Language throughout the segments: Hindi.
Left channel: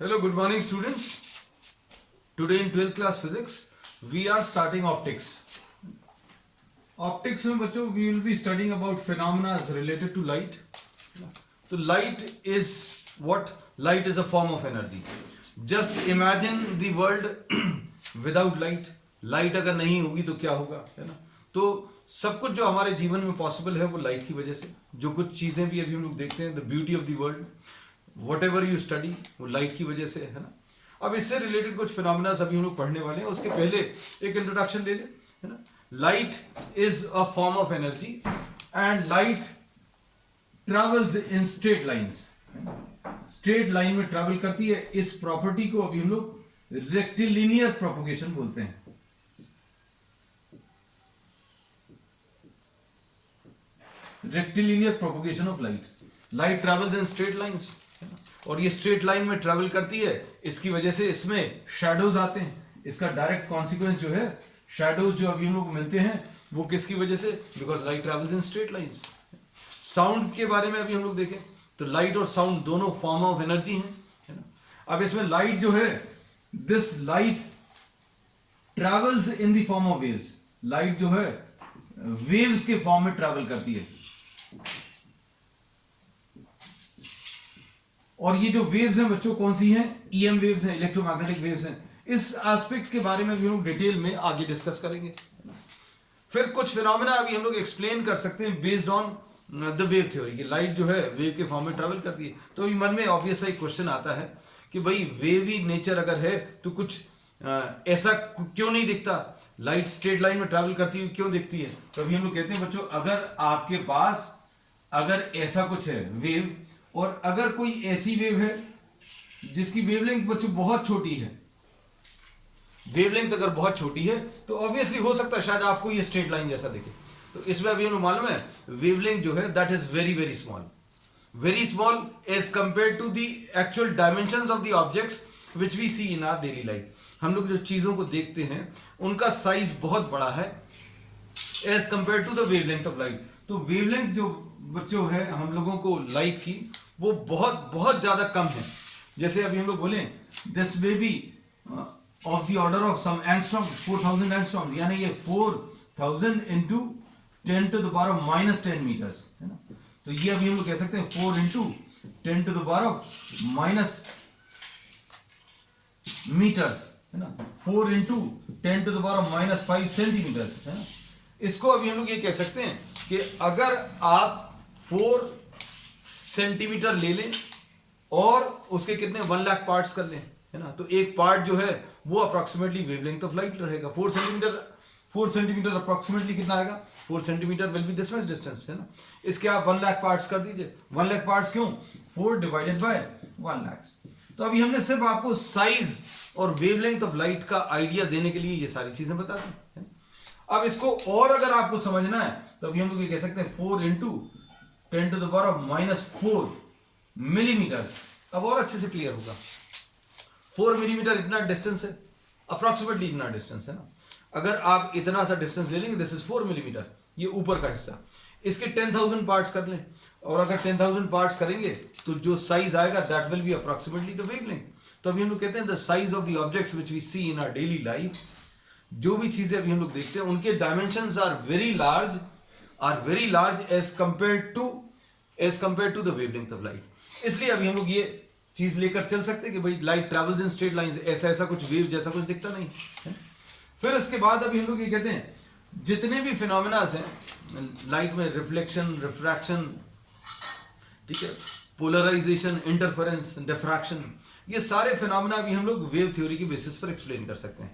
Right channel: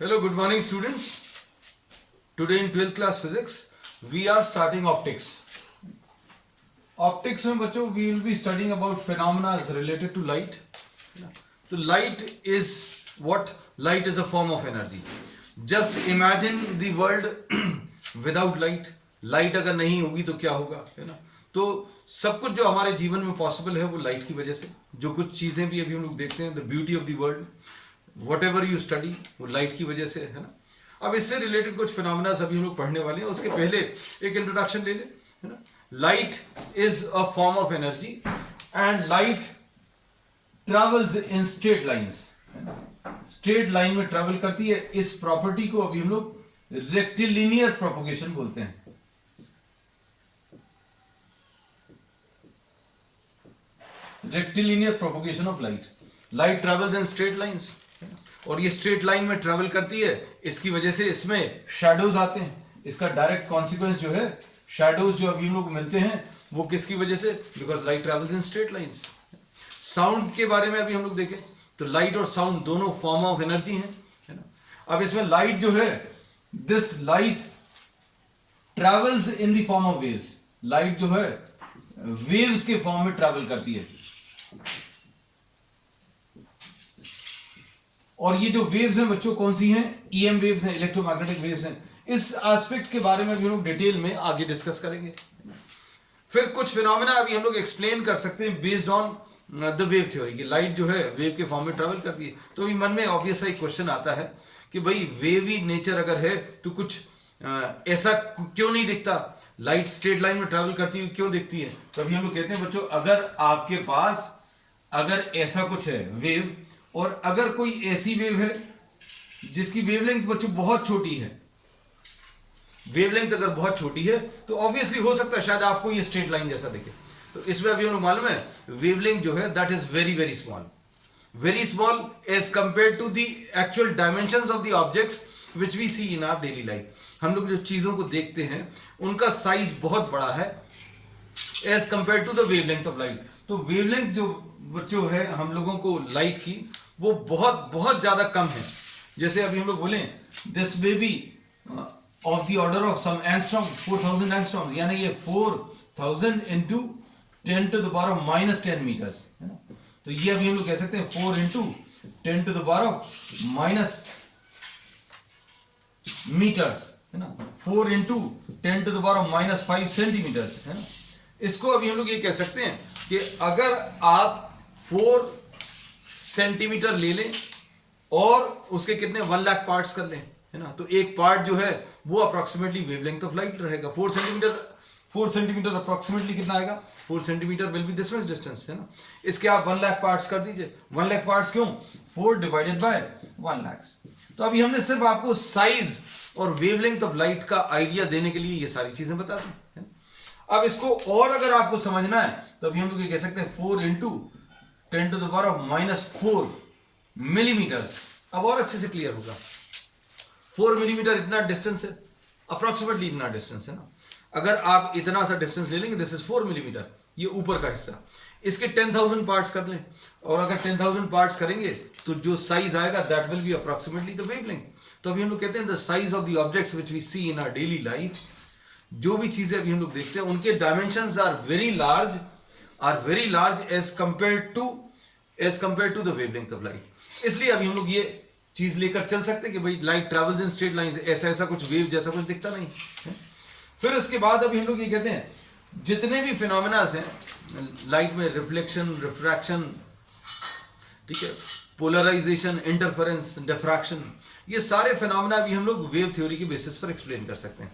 Hello, good morning students. Today in 12th class physics, we are starting optics. Optics में बच्चों we will be studying about phenomena related to light. So light is what? Light is a form of energy. Just imagine the world without light. Light अगर नहीं होगी तो क्या होगा, है ना? तो सब कुछ जो हमारे जीवन में पॉसिबल है वो लाइट की वजह से. जो कुछ चीज़ें भी अभी हम लोग देखते हैं, the beauty of the world, what ever you study, वो लाइट की वजह से है ना. अब इससे रिलेटेड कुछ फिनोमिना अभी हम लोग पढ़ने वाले हैं. उसके पहले एक इंट्रोडक्शन ले ले, है ना. Light is a form of energy and light travels in straight lines. Straight line में ट्रेवल करती है. इस प्रॉपर्टी को अभी हम लोग रेक्टिलिनियर प्रोपोगेशन बोलते हैं. Rectilinear propagation of light. Light travels in straight lines, और ये स्ट्रेट लाइन में ट्रेवल करती है. इसकी वजह से इसमें शैडोज आते हैं. इसका डायरेक्ट कॉन्सिक्वेंस जो है, शैडोज जो अभी हम लोग मिलते हैं वो किसकी वजह से? Because light travels in straight lines. Sound के बारे में अभी हम लोग देखें तो लाइट और साउंड दोनों फॉर्म ऑफ एनर्जी हैं, है ना. अब इसमें लाइट जो है, this light travels in the form of waves. Light जो है वेव्स के फॉर्म में ट्रेवल करती है. और ये जो वेव्स हैं बच्चों कौन सी हैं? ईएम वेव्स हैं, इलेक्ट्रोमैग्नेटिक वेव्स हैं. इस एस्पेक्ट के बारे में भी हम लोग डिटेल में आगे डिस्कस करेंगे. फिर कुछ फिनोमेना अभी हम लोग एक्सप्लेन कर सकते हैं based on the wave theory कि लाइट जो है वेव के फॉर्म में ट्रेवल करती है. तो अभी मन में ऑब्वियस एक क्वेश्चन आता है कि भाई वेवी नेचर अगर है तो कुछ ऐसा क्यों नहीं दिखता? लाइट स्ट्रेट लाइन में ट्रेवल करती हुई क्यों दिखती है? तो अभी हम लोग कहते हैं बच्चों, अगर आपके पास अगर ऐसा कुछ है वेव, और अगर कोई ऐसी वेव है जिसकी वेवलेंथ बच्चों बहुत छोटी है, वेवलेंथ अगर बहुत छोटी है तो ऑब्वियसली हो सकता है शायद आपको ये स्ट्रेट लाइन जैसा दिखे. तो इसमें अभी हम लोग मालूम है वेवलेंथ जो है that is very very small as compare to the actual dimensions of the objects which we see in our daily life. हम लोग जो चीजों को देखते हैं उनका साइज बहुत बड़ा है as compare to the wavelength of light. तो वेवलेंथ जो बच्चों है हम लोगों को लाइट की, वो बहुत बहुत ज्यादा कम है. जैसे अभी हम लोग बोलें this may be of the order of some angstrom, 4000 angstroms, यानी ये 4000 into 10 to the power of -10 metres, है ना. तो ये अभी हम लोग कह सकते हैं 4 into 10 to the power of minus metres, है ना. 4 into 10 to the power of -5 centimetres, है ना. इसको अभी हम लोग ये कह सकते हैं कि अगर आप 4 सेंटीमीटर ले लें और उसके कितने 1 लाख पार्ट्स कर लें, है ना, तो एक पार्ट जो है वो अप्रोक्सीमेटली वेवलेंथ ऑफ लाइट रहेगा. 4 सेंटीमीटर अप्रोक्सीमेटली कितना आएगा? 4 centimetre will be this much distance, है ना. इसके आप 1 लाख पार्ट्स कर दीजिए. 1 लाख पार्ट्स क्यों? 4 डिवाइडेड बाय 1 लाख. तो अभी हमने सिर्फ आपको साइज और वेवलेंथ ऑफ लाइट का आइडिया देने के लिए ये सारी चीजें बता दी, है ना. अब इसको और अगर आपको समझना है तो अभी हम लोग ये कह सकते हैं 4 into 10 to the power of -4 millimetres. अब और अच्छे से क्लियर होगा. 4 मिलीमीटर इतना डिस्टेंस है, अप्रोक्सीमेटली इतना डिस्टेंस, है ना. अगर आप इतना सा डिस्टेंस ले लेंगे, दिस इज 4 मिलीमीटर, ये ऊपर का हिस्सा. इसके 10,000 पार्ट्स कर लें, और अगर 10,000 पार्ट्स करेंगे तो जो साइज आएगा that will be approximately the wavelength. तो अभी हम लोग कहते हैं the size of the objects which we see in our daily life. जो भी चीजें अभी हम लोग देखते हैं उनके dimensions are very large as compare to the wavelength of light. इसलिए अभी हम लोग ये चीज लेकर चल सकते हैं कि भाई light travels in straight lines. ऐसा कुछ वेव जैसा कुछ दिखता नहीं है. फिर इसके बाद अभी हम लोग ये कहते हैं जितने भी फिनोमिनास हैं लाइट में, रिफ्लेक्शन, रिफ्रैक्शन, ठीक है, पोलराइजेशन, इंटरफेरेंस, डिफ्रैक्शन, ये सारे फिनोमिना अभी हम लोग वेव थ्योरी के बेसिस पर एक्सप्लेन कर सकते हैं.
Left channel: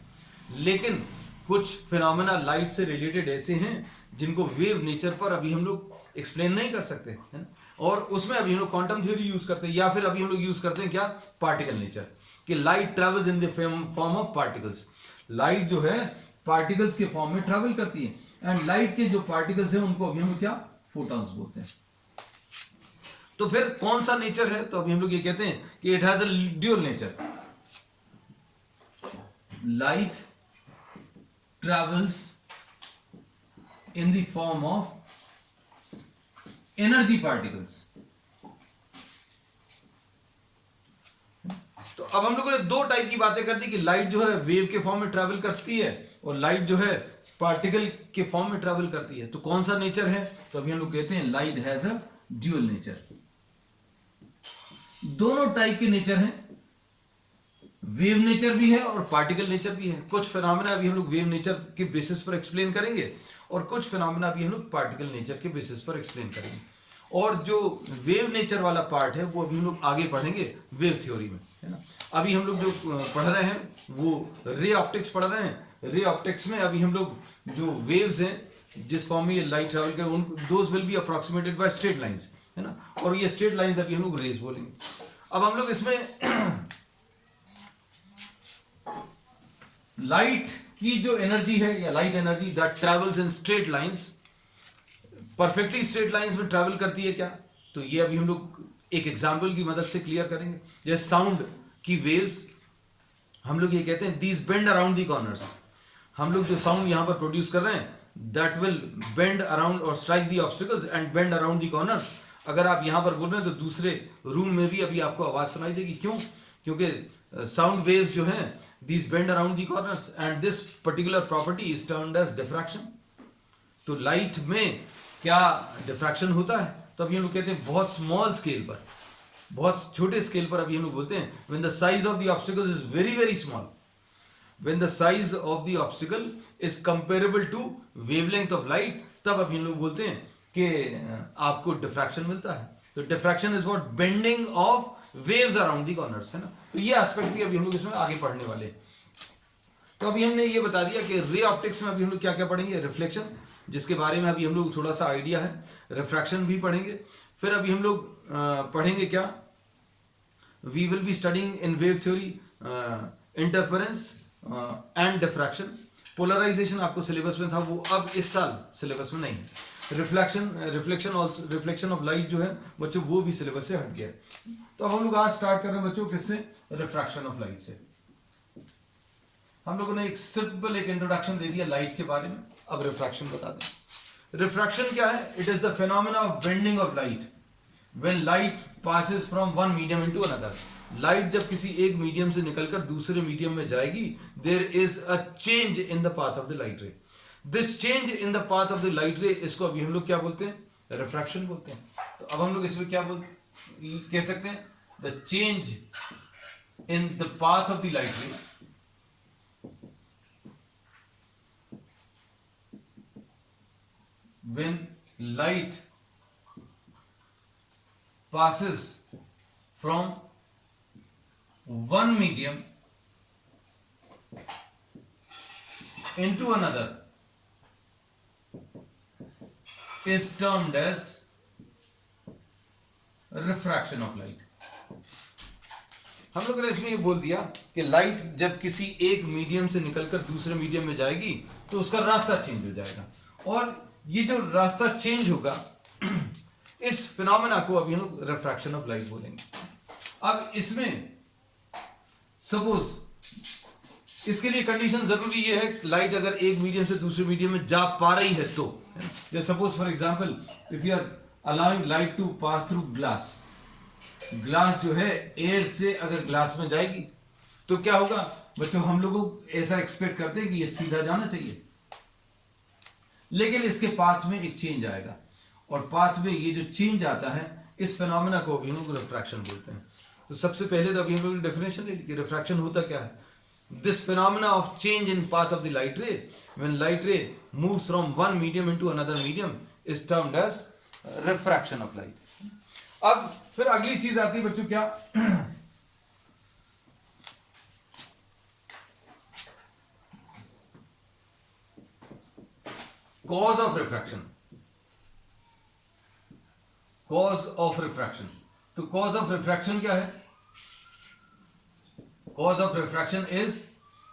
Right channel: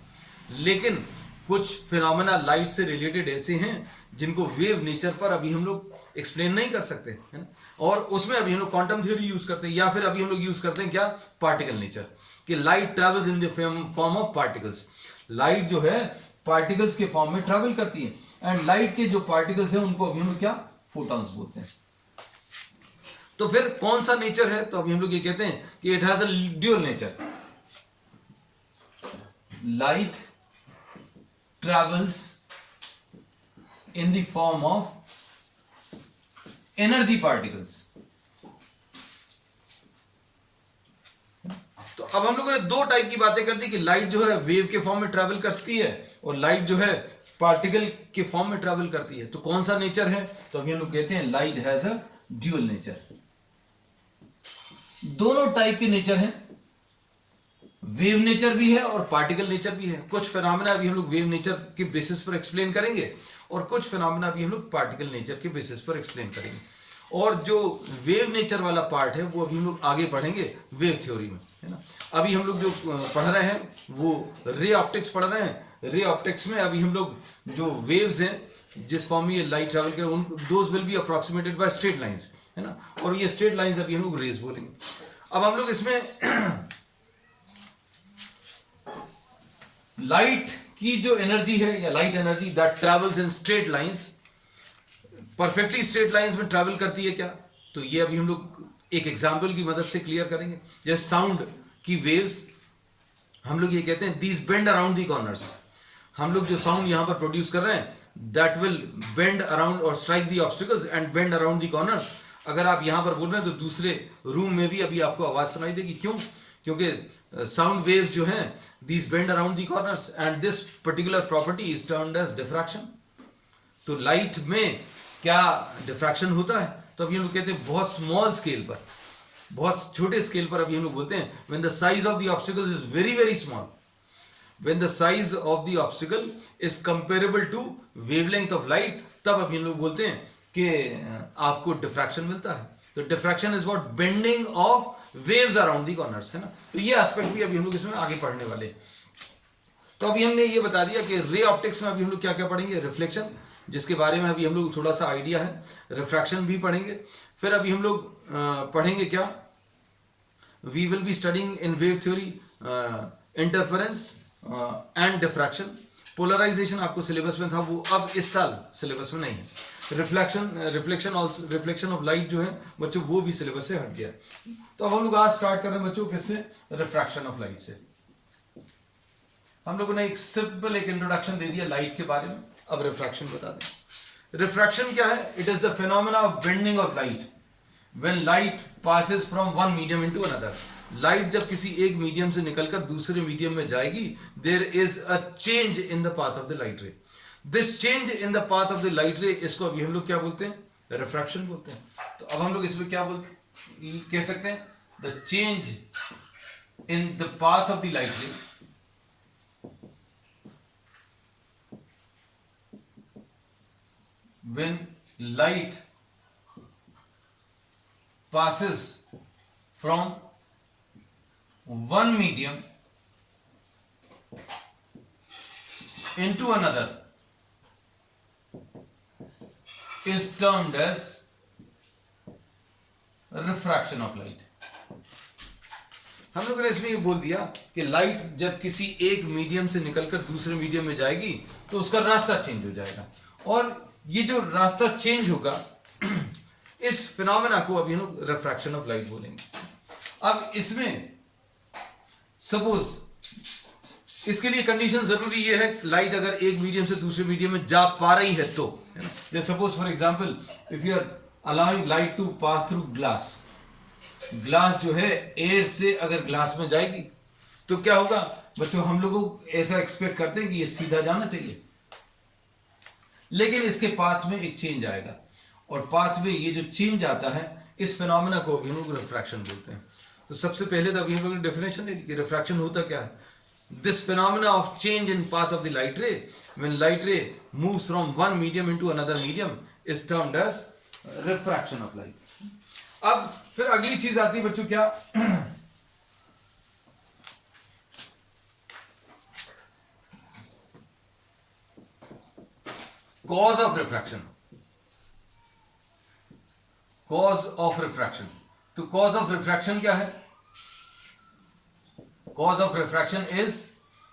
लेकिन कुछ फिनोमेना लाइट से रिलेटेड ऐसे हैं जिनको वेव नेचर पर अभी हम लोग एक्सप्लेन नहीं कर सकते, है ना. और उसमें अभी हम लोग क्वांटम थ्योरी यूज करते हैं, या फिर अभी हम लोग यूज करते हैं क्या? पार्टिकल नेचर, कि light travels in the form of particles. Light जो है पार्टिकल्स के फॉर्म में ट्रेवल करती है, एंड लाइट के जो पार्टिकल्स हैं उनको अभी हम लोग क्या? फोटॉन्स बोलते हैं. तो फिर कौन सा नेचर है? तो अभी हम लोग ये कहते हैं कि it has a dual nature. Light travels in the form of energy particles. तो अब हम लोगों ने दो टाइप की बातें कर दी कि लाइट जो है वेव के फॉर्म में ट्रैवल करती है और लाइट जो है पार्टिकल के फॉर्म में ट्रैवल करती है। तो कौन सा नेचर है? तो अभी हम लोग कहते हैं light has a dual nature. दोनों टाइप के नेचर हैं, वेव नेचर भी है और पार्टिकल नेचर भी है। कुछ फिनोमेना अभी हम लोग वेव नेचर के बेसिस पर एक्सप्लेन करेंगे और कुछ फिनोमेना अभी हम लोग पार्टिकल नेचर के बेसिस पर एक्सप्लेन करेंगे। और जो वेव नेचर वाला पार्ट है वो अभी हम लोग आगे पढ़ेंगे वेव थ्योरी में, है ना। अभी हम लोग जो पढ़ रहे हैं वो रे ऑप्टिक्स पढ़ रहे हैं। रे ऑप्टिक्स में अभी हम लोग जो वेव्स हैं जिस फॉर्म में ये लाइट ट्रैवल कर उन those will be approximated by straight lines, है ना। और ये स्ट्रेट लाइंस अभी हम लोग रेज बोलेंगे। अब हम लोग इसमें लाइट की जो एनर्जी है या light energy that travels in straight lines, perfectly straight lines में ट्रैवल करती है क्या? तो ये अभी हम लोग एक एग्जांपल की मदद से क्लियर करेंगे। जैसे साउंड की वेव्स, हम लोग ये कहते हैं these bend around the corners. हम लोग जो साउंड यहां पर प्रोड्यूस कर रहे हैं दैट विल बेंड अराउंड और strike the obstacles and bend around the corners. अगर आप यहां पर बोल रहे हैं तो दूसरे रूम में भी अभी आपको आवाज सुनाई देगी। क्यों? क्योंकि साउंड वेव्स जो हैं these bend around the corners and this particular property is termed as diffraction. तो लाइट में क्या डिफ्रैक्शन होता है? तो अभी हम लोग कहते हैं बहुत स्मॉल स्केल पर, बहुत छोटे स्केल पर अभी हम लोग बोलते हैं when the size of the obstacle is very very small, when the size of the obstacle is comparable to wavelength of light, तब अभी हम लोग बोलते हैं कि आपको डिफ्रैक्शन मिलता है। तो diffraction is what bending of waves around the corners, है ना। तो ये एस्पेक्ट भी अभी हम लोग इसमें आगे पढ़ने वाले हैं। तो अभी हमने ये बता दिया कि रे ऑप्टिक्स में अभी हम लोग क्या क्या पढ़ेंगे। रिफ्लेक्शन, जिसके बारे में अभी हम लोग थोड़ा सा आइडिया है। रिफ्रैक्शन भी पढ़ेंगे। फिर अभी हम लोग पढ़ेंगे क्या, we will be studying in wave theory interference and diffraction. Polarisation आपको सिलेबस में था, वो अब इस साल सिलेबस में नहीं है। रिफ्लेक्शन ऑफ लाइट जो है बच्चों वो भी सिलेबस से हट गया। तो अब हम लोग आज स्टार्ट कर रहे हैं बच्चों किससे? रिफ्रैक्शन ऑफ लाइट से। हम लोगों ने एक सिंपल एक इंट्रोडक्शन दे दिया लाइट के बारे में। अब रिफ्रैक्शन बता दें। रिफ्रैक्शन क्या है? It is the phenomena of bending of light when light passes from one medium into another. Light जब किसी एक मीडियम से निकलकर दूसरे मीडियम में जाएगी, there is a change in the path of the light ray. This change in the path of the light ray, इसको अभी हम लोग क्या बोलते हैं? रिफ्रैक्शन बोलते हैं। तो अब हम लोग इसमें क्या कह सकते हैं? The change in the path of the light रे when light passes from one medium into another is termed as refraction of light। हम लोगों ने इसमें ये बोल दिया कि लाइट जब किसी एक मीडियम से निकलकर दूसरे मीडियम में जाएगी तो उसका रास्ता चेंज हो जाएगा, और ये जो रास्ता चेंज होगा इस फिनोमेना को अभी हम लोग रिफ्रैक्शन ऑफ लाइट बोलेंगे। अब इसमें सपोज इसके लिए कंडीशन जरूरी ये है, लाइट अगर एक मीडियम से दूसरे मीडियम में जा पा रही है तो, है ना। जैसे suppose for example if you are allowing light to pass through glass, glass जो है एयर से अगर ग्लास में जाएगी तो क्या होगा बच्चों? हम लोग ऐसा एक्सपेक्ट करते हैं कि ये सीधा जाना चाहिए, लेकिन इसके पाथ में एक चेंज आएगा, और पाथ में ये जो चेंज आता है इस फिनोमेना को अभी हम लोग रिफ्रैक्शन बोलते हैं। तो सबसे पहले तो अभी हम लोग ने डेफिनेशन ले ली कि रिफ्रैक्शन होता क्या है। This phenomena of change in path of the light ray when light ray moves from one medium into another medium is termed as refraction of light. अब फिर अगली चीज आती है बच्चों क्या, cause of refraction. Cause of refraction, तो कॉज ऑफ रिफ्रैक्शन क्या है? Cause of refraction is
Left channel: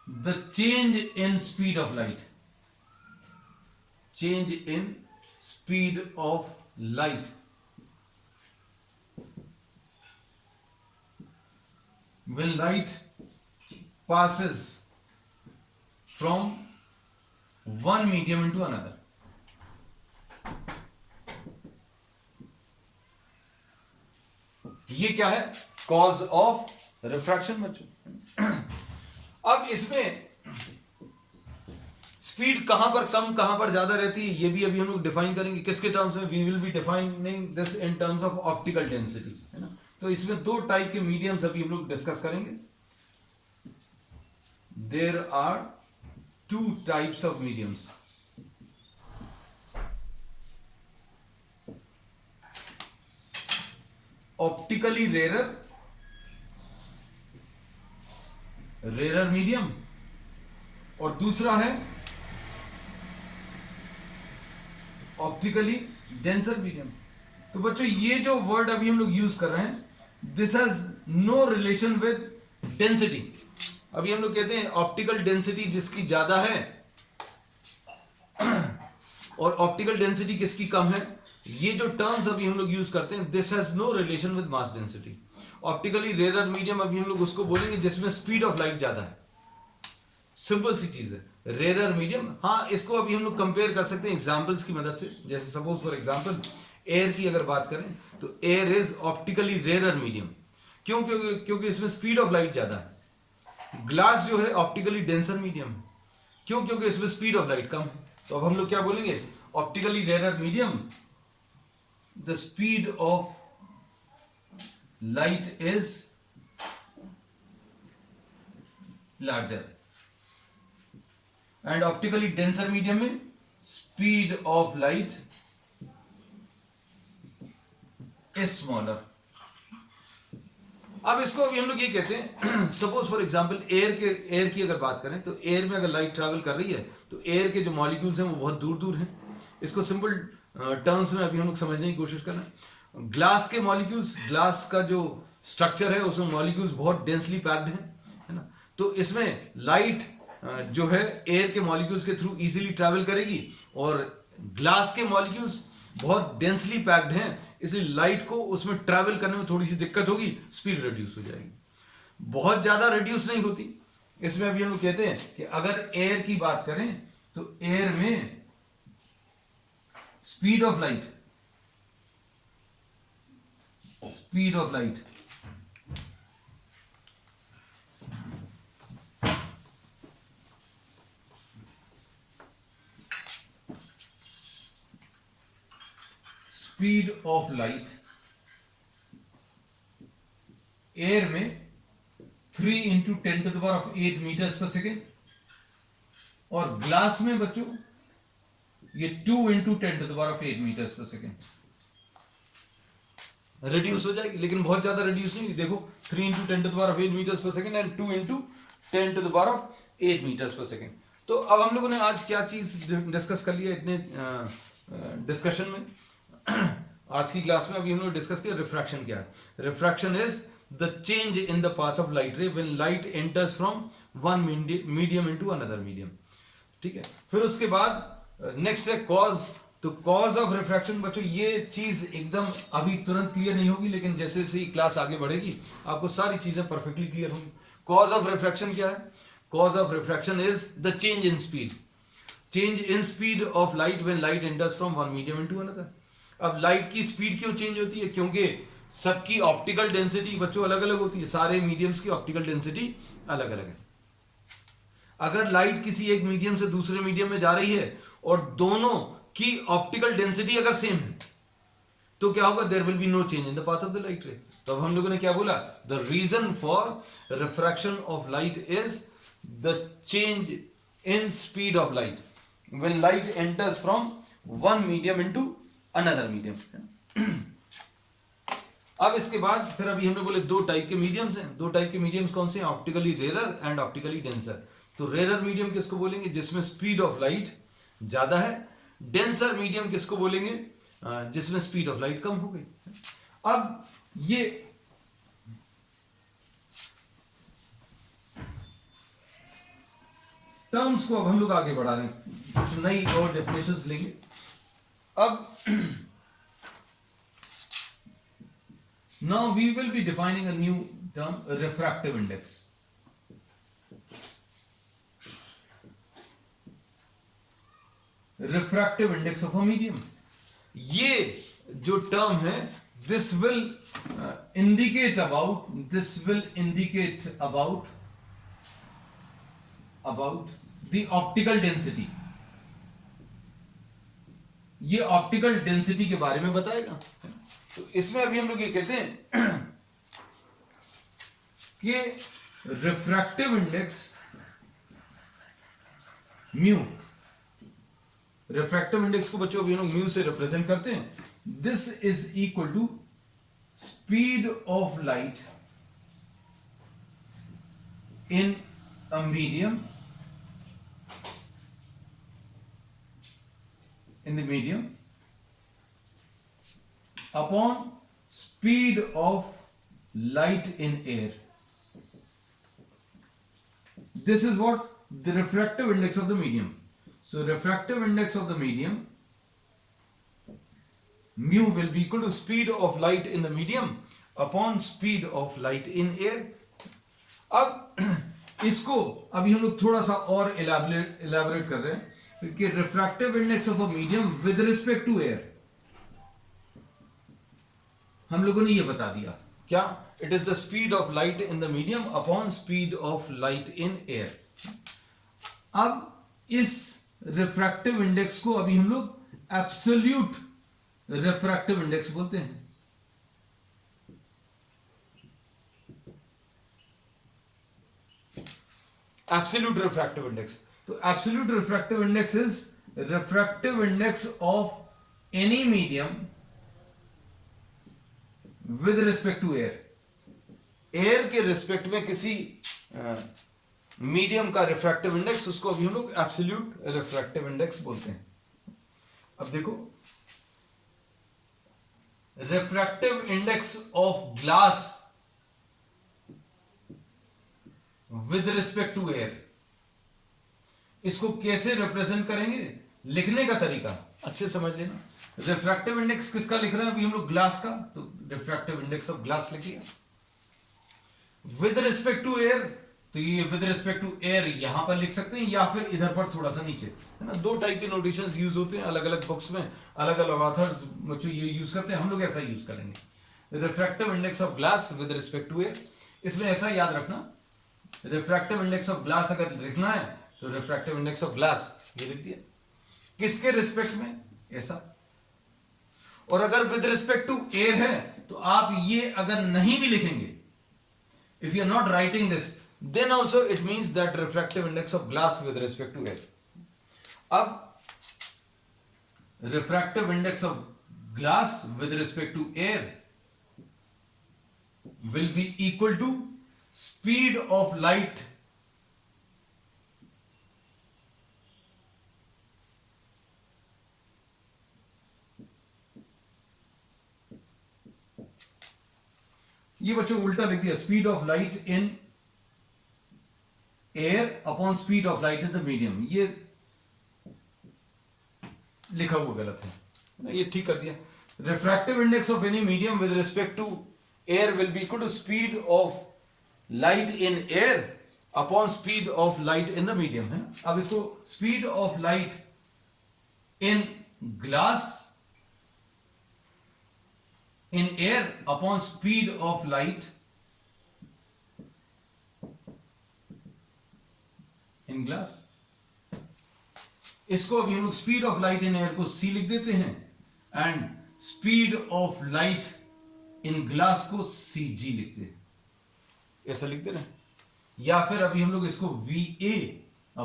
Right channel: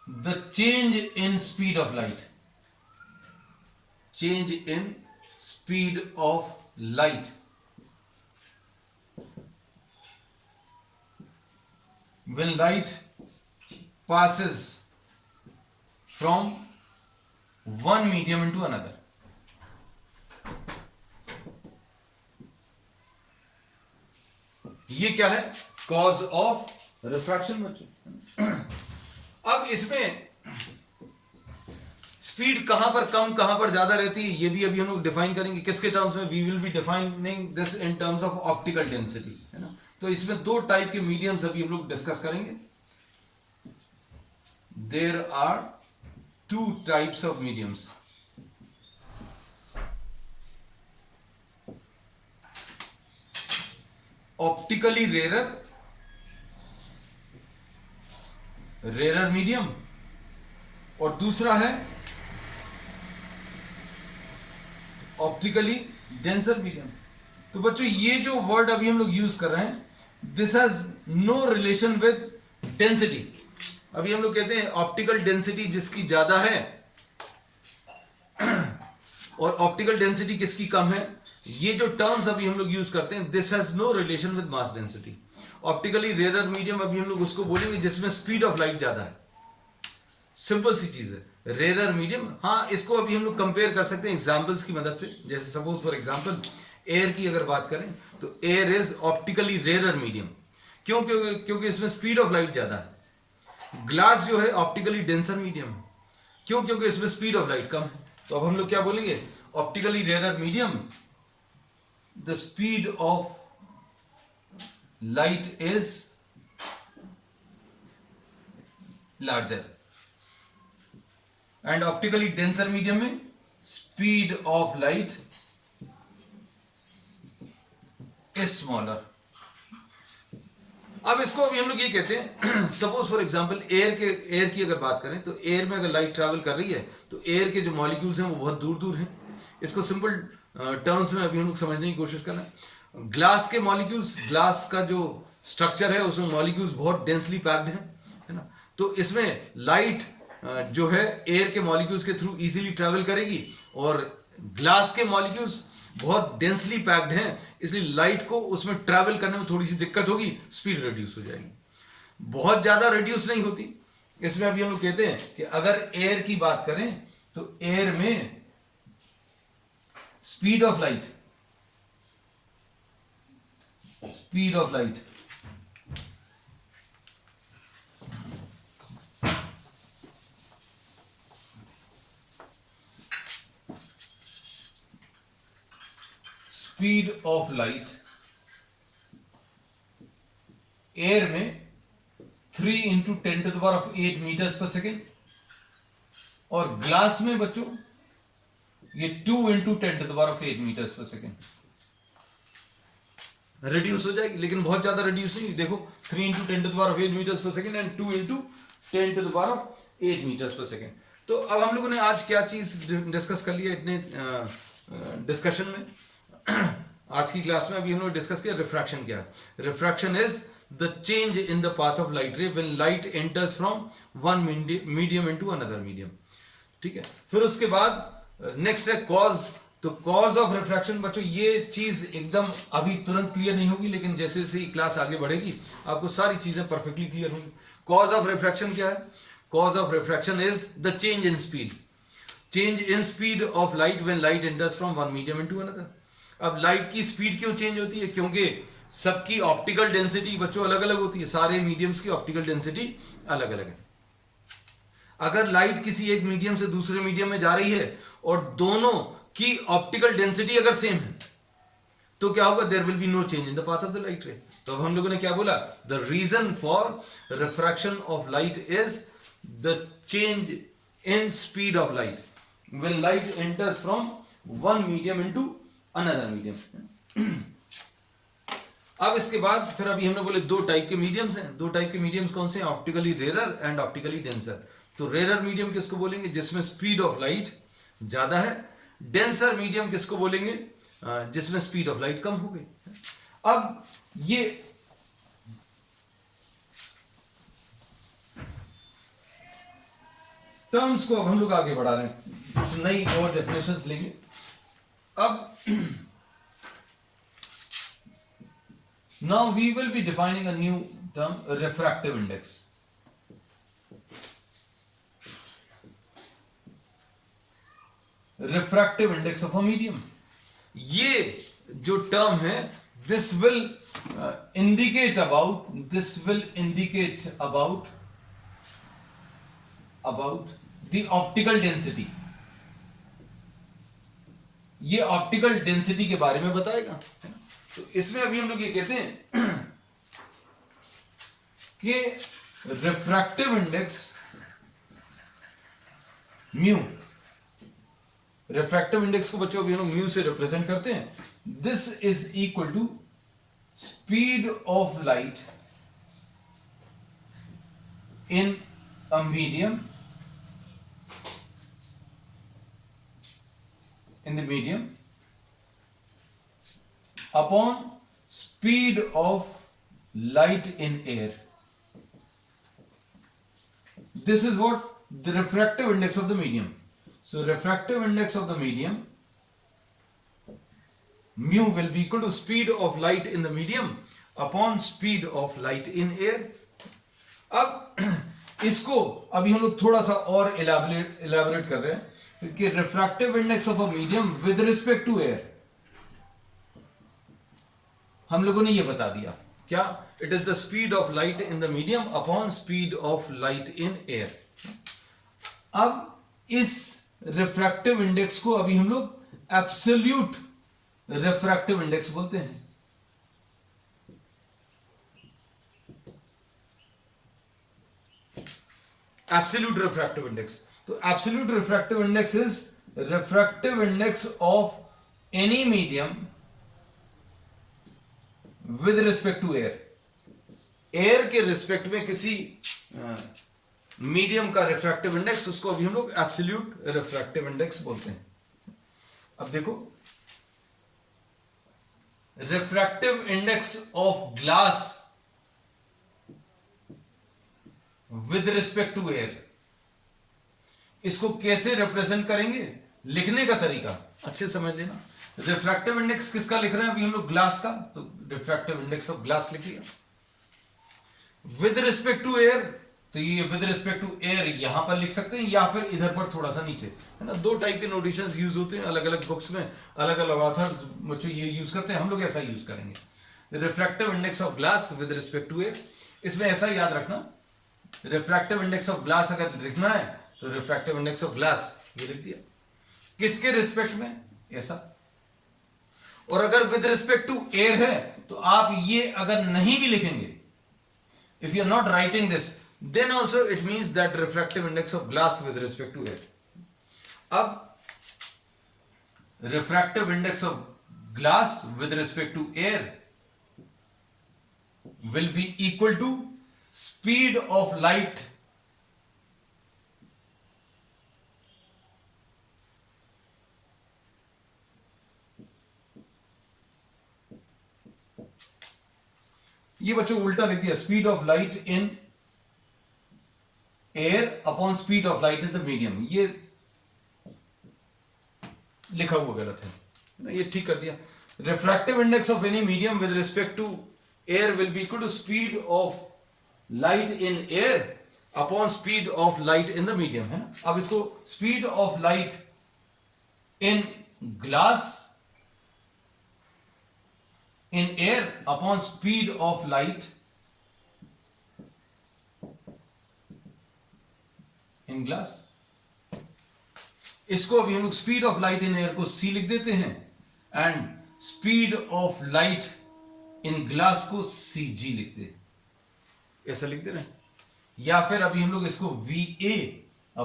the change in speed of light. Change in speed of light when light passes from one medium into another। ये क्या है? कॉज ऑफ रिफ्रैक्शन बच्चों। अब इसमें स्पीड कहां पर कम कहां पर ज्यादा रहती है ये भी अभी हम लोग डिफाइन करेंगे। किसके टर्म्स में? We will be defining this in terms of optical density, है ना। तो इसमें दो टाइप के मीडियम्स अभी हम लोग डिस्कस करेंगे। There are two types of mediums. Optically rarer medium, और दूसरा है ऑप्टिकली डेंसर मीडियम। तो बच्चों ये जो वर्ड अभी हम लोग यूज कर रहे हैं, this has no relation with density. अभी हम लोग कहते हैं ऑप्टिकल डेंसिटी जिसकी ज्यादा है और ऑप्टिकल डेंसिटी किसकी कम है, ये जो टर्म्स अभी हम लोग यूज करते हैं, this has no relation with mass density. Optically rarer medium अभी हम लोग उसको बोलेंगे जिसमें स्पीड ऑफ लाइट ज्यादा है। सिंपल सी चीज है, रेरर मीडियम। हाँ, इसको अभी हम लोग कंपेयर कर सकते हैं एग्जांपल्स की मदद से। जैसे सपोज फॉर एग्जांपल एयर की अगर बात करें तो air is optically rarer medium. क्यों? क्योंकि इसमें स्पीड ऑफ लाइट ज्यादा है। ग्लास जो है ऑप्टिकली डेंसर मीडियम है। क्यों? क्योंकि इसमें स्पीड ऑफ लाइट कम है। तो अब हम लोग क्या बोलेंगे? Optically rarer medium, the speed of light is larger, and optically denser medium में speed of light is smaller. अब इसको अभी हम लोग ये कहते हैं, सपोज फॉर एग्जांपल एयर की अगर बात करें तो एयर में अगर लाइट ट्रैवल कर रही है तो एयर के जो मॉलिक्यूल्स हैं वो बहुत दूर दूर हैं। इसको सिंपल टर्म्स में अभी हम लोग समझने की कोशिश करना है। ग्लास के मॉलिक्यूल्स, ग्लास का जो स्ट्रक्चर है उसमें मॉलिक्यूल्स बहुत डेंसली पैक्ड है ना। तो इसमें लाइट जो है एयर के मॉलिक्यूल्स के थ्रू इजीली ट्रैवल करेगी, और ग्लास के मॉलिक्यूल्स बहुत डेंसली पैक्ड हैं, इसलिए लाइट को उसमें ट्रैवल करने में थोड़ी सी दिक्कत होगी, स्पीड रिड्यूस हो जाएगी। बहुत ज्यादा रिड्यूस नहीं होती। इसमें अभी हम लोग कहते हैं कि अगर एयर की बात करें तो एयर में स्पीड ऑफ लाइट एयर में 3 into 10⁸ मीटर्स पर सेकेंड, और ग्लास में बच्चों ये 2 into 10⁸ metres per second reduce हो जाएगी, लेकिन बहुत ज्यादा रिड्यूस नहीं। देखो 3 into 10⁸ metres per second and 2 into 10⁸ metres per second. तो अब हम लोगों ने आज क्या चीज डिस्कस कर लिया इतने डिस्कशन में। आज की क्लास में अभी हम लोग डिस्कस किया रिफ्रैक्शन क्या है। Refraction is the change in the path of light ray when light enters from one medium into another medium. ठीक है, फिर उसके बाद नेक्स्ट है कॉज। तो कॉज ऑफ रिफ्रैक्शन बच्चों, ये चीज एकदम अभी तुरंत क्लियर नहीं होगी, लेकिन जैसे जैसे क्लास आगे बढ़ेगी आपको सारी चीजें परफेक्टली क्लियर होंगी। कॉज ऑफ रिफ्रैक्शन क्या है? Cause of refraction is the change in speed of light when light enters from one medium into another. अब लाइट की स्पीड क्यों चेंज होती है? क्योंकि सबकी ऑप्टिकल डेंसिटी बच्चों अलग अलग होती है। सारे मीडियम्स की ऑप्टिकल डेंसिटी अलग अलग है। अगर लाइट किसी एक मीडियम से दूसरे मीडियम में जा रही है और दोनों की ऑप्टिकल डेंसिटी अगर सेम है तो क्या होगा? There will be no change in the path of the light ray. तो अब हम लोगों ने क्या बोला? The reason for refraction of light is the change in speed of light when light enters from one medium into another medium. अब इसके बाद फिर अभी हमने बोले दो टाइप के मीडियम्स हैं। दो टाइप के मीडियम्स कौन से हैं? Optically rarer and optically denser. तो रेरर मीडियम किसको बोलेंगे? जिसमें स्पीड ऑफ लाइट ज्यादा है। डेंसर मीडियम किसको बोलेंगे? जिसमें स्पीड ऑफ लाइट कम हो गई। अब ये टर्म्स को अब हम लोग आगे बढ़ा रहे हैं, कुछ नई और डेफिनेशंस लेंगे। अब now we will be defining a new term, refractive index. Refractive index of a medium। ये जो टर्म है this will indicate about the optical density. ये ऑप्टिकल डेंसिटी के बारे में बताएगा. तो इसमें अभी हम लोग ये कहते हैं कि refractive index mu, refractive index को बच्चों अभी हम लोग म्यू से रिप्रेजेंट करते हैं. This is equal to speed of light in a medium, in the medium upon speed of light in air. This is what the refractive index of the medium. So refractive index of the medium mu will be equal to speed of light in the medium upon speed of light in air. अब इसको अभी हम लोग थोड़ा सा और इलैबोरेट कर रहे हैं कि refractive index of a medium with respect to air. हम लोगों ने ये बता दिया क्या, it is the speed of light in the medium upon speed of light in air. अब इस रिफ्रैक्टिव इंडेक्स को अभी हम लोग एब्सोल्यूट रिफ्रैक्टिव इंडेक्स बोलते हैं. Absolute refractive index. तो absolute refractive index is refractive index of any medium with respect to air. Air के रिस्पेक्ट में किसी मीडियम का रिफ्रैक्टिव इंडेक्स, उसको अभी हम लोग एब्सोल्यूट रिफ्रैक्टिव इंडेक्स बोलते हैं. अब देखो, refractive index of glass with respect to air, इसको कैसे रिप्रेजेंट करेंगे, लिखने का तरीका अच्छे समझ लेना. रिफ्रैक्टिव इंडेक्स किसका लिख रहे हैं अभी हम लोग, ग्लास का. तो रिफ्रैक्टिव इंडेक्स ऑफ ग्लास लिख लिया. विद रिस्पेक्ट टू एयर, तो ये विद रिस्पेक्ट टू एयर यहां पर लिख सकते हैं या फिर इधर पर थोड़ा सा नीचे, है ना. दो टाइप के नोटेशंस यूज होते हैं अलग अलग बुक्स में, अलग अलग ऑथर्स बच्चों ये यूज करते हैं, हम लोग ऐसा यूज करेंगे. Refractive index of glass with respect to air. इसमें ऐसा याद रखना, रिफ्रैक्टिव इंडेक्स ऑफ ग्लास अगर लिखना है तो रिफ्रैक्टिव इंडेक्स ऑफ ग्लास ये लिख दिया, किसके रिस्पेक्ट में, ऐसा. और अगर विद रिस्पेक्ट टू एयर है तो आप ये अगर नहीं भी लिखेंगे, if you are not writing this, then also it means that refractive index of glass with respect to air. अब refractive index of glass with respect to air will be equal to speed of light ये बच्चों उल्टा लिख दिया, speed of light in air upon speed of light in the medium. ये लिखा हुआ गलत है, ये ठीक कर दिया. Refractive index of any medium with respect to air will be equal to speed of light in air upon speed of light in the medium, है ना. अब इसको speed of light in glass in air upon speed of light in glass. इसको अभी हम लोग speed of light in air को c लिख देते हैं and speed of light in glass को cg लिखते हैं, ऐसा लिख देना. या फिर अभी हम लोग इसको va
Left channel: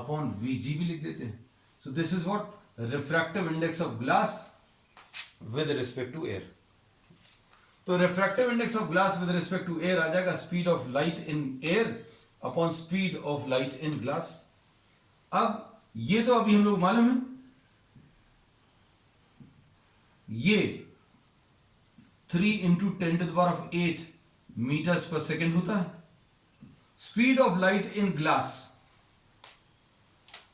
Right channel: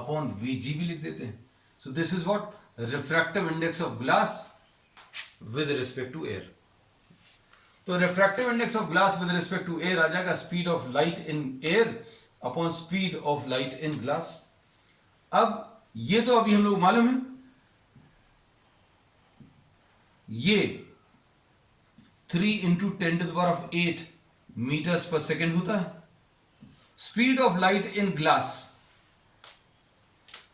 अपॉन vg भी लिख देते हैं. So this is what refractive index of glass with respect to air. तो refractive index of glass with respect to air आ जाएगा speed of light in air upon speed of light in glass. अब ये तो अभी हम लोग मालूम है, ये 3 into 10⁸ मीटर्स पर सेकेंड होता है. Speed of light in glass,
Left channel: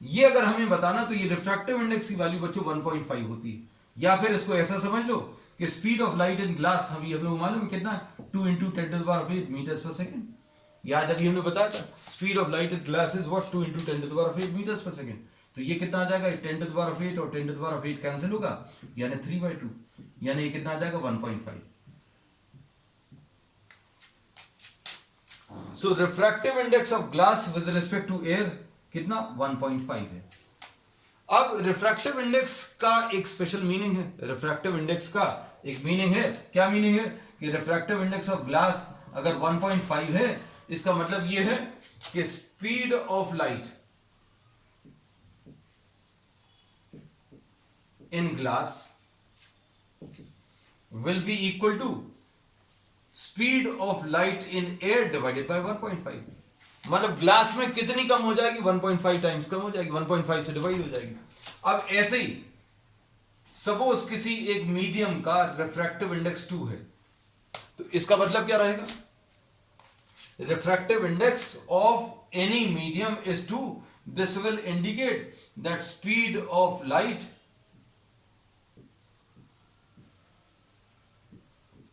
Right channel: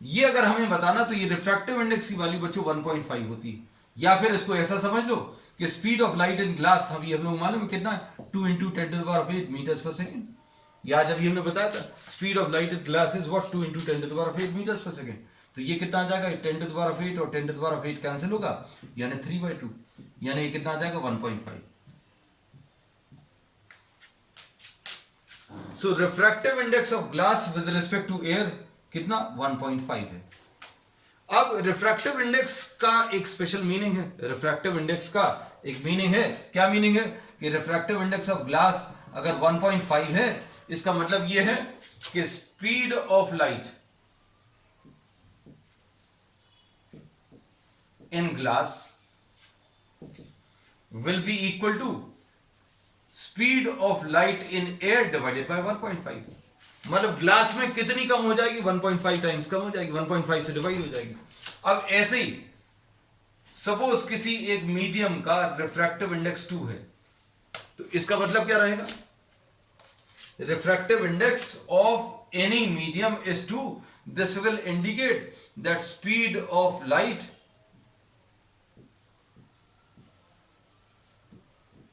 ये अगर हमें बताना तो ये रिफ्रैक्टिव इंडेक्स की वैल्यू बच्चों 1.5 होती है. या फिर इसको ऐसा समझ लो कि speed of light in glass अभी हम लोग मालूम है कितना है, 2 into 10⁸ मीटर्स पर सेकेंड. या जब हमने बताया था speed of light in glass is what 2 into 10⁸ metres per second. तो ये कितना आ जाएगा, 10⁸ और 10⁸ कैंसिल होगा, यानी 3/2, यानी ये कितना आ जाएगा 1.5. So refractive index of glass with respect to air कितना 1.5 है। अब रिफ्रैक्टिव इंडेक्स का एक स्पेशल मीनिंग है, रिफ्रैक्टिव इंडेक्स का एक मीनिंग है, क्या मीनिंग है कि रिफ्रैक्टिव इंडेक्स ऑफ ग्लास अगर 1.5 है, इसका मतलब यह है कि speed of light in glass will be equal to speed of light in air divided by 1.5। मतलब ग्लास में कितनी कम हो जाएगी, 1.5 टाइम्स कम हो जाएगी, 1.5 से डिवाइड हो जाएगी। अब ऐसे ही सपोज किसी एक मीडियम का रिफ्रैक्टिव इंडेक्स 2 है, तो इसका मतलब क्या रहेगा, refractive index of any medium is 2, this will indicate that speed of light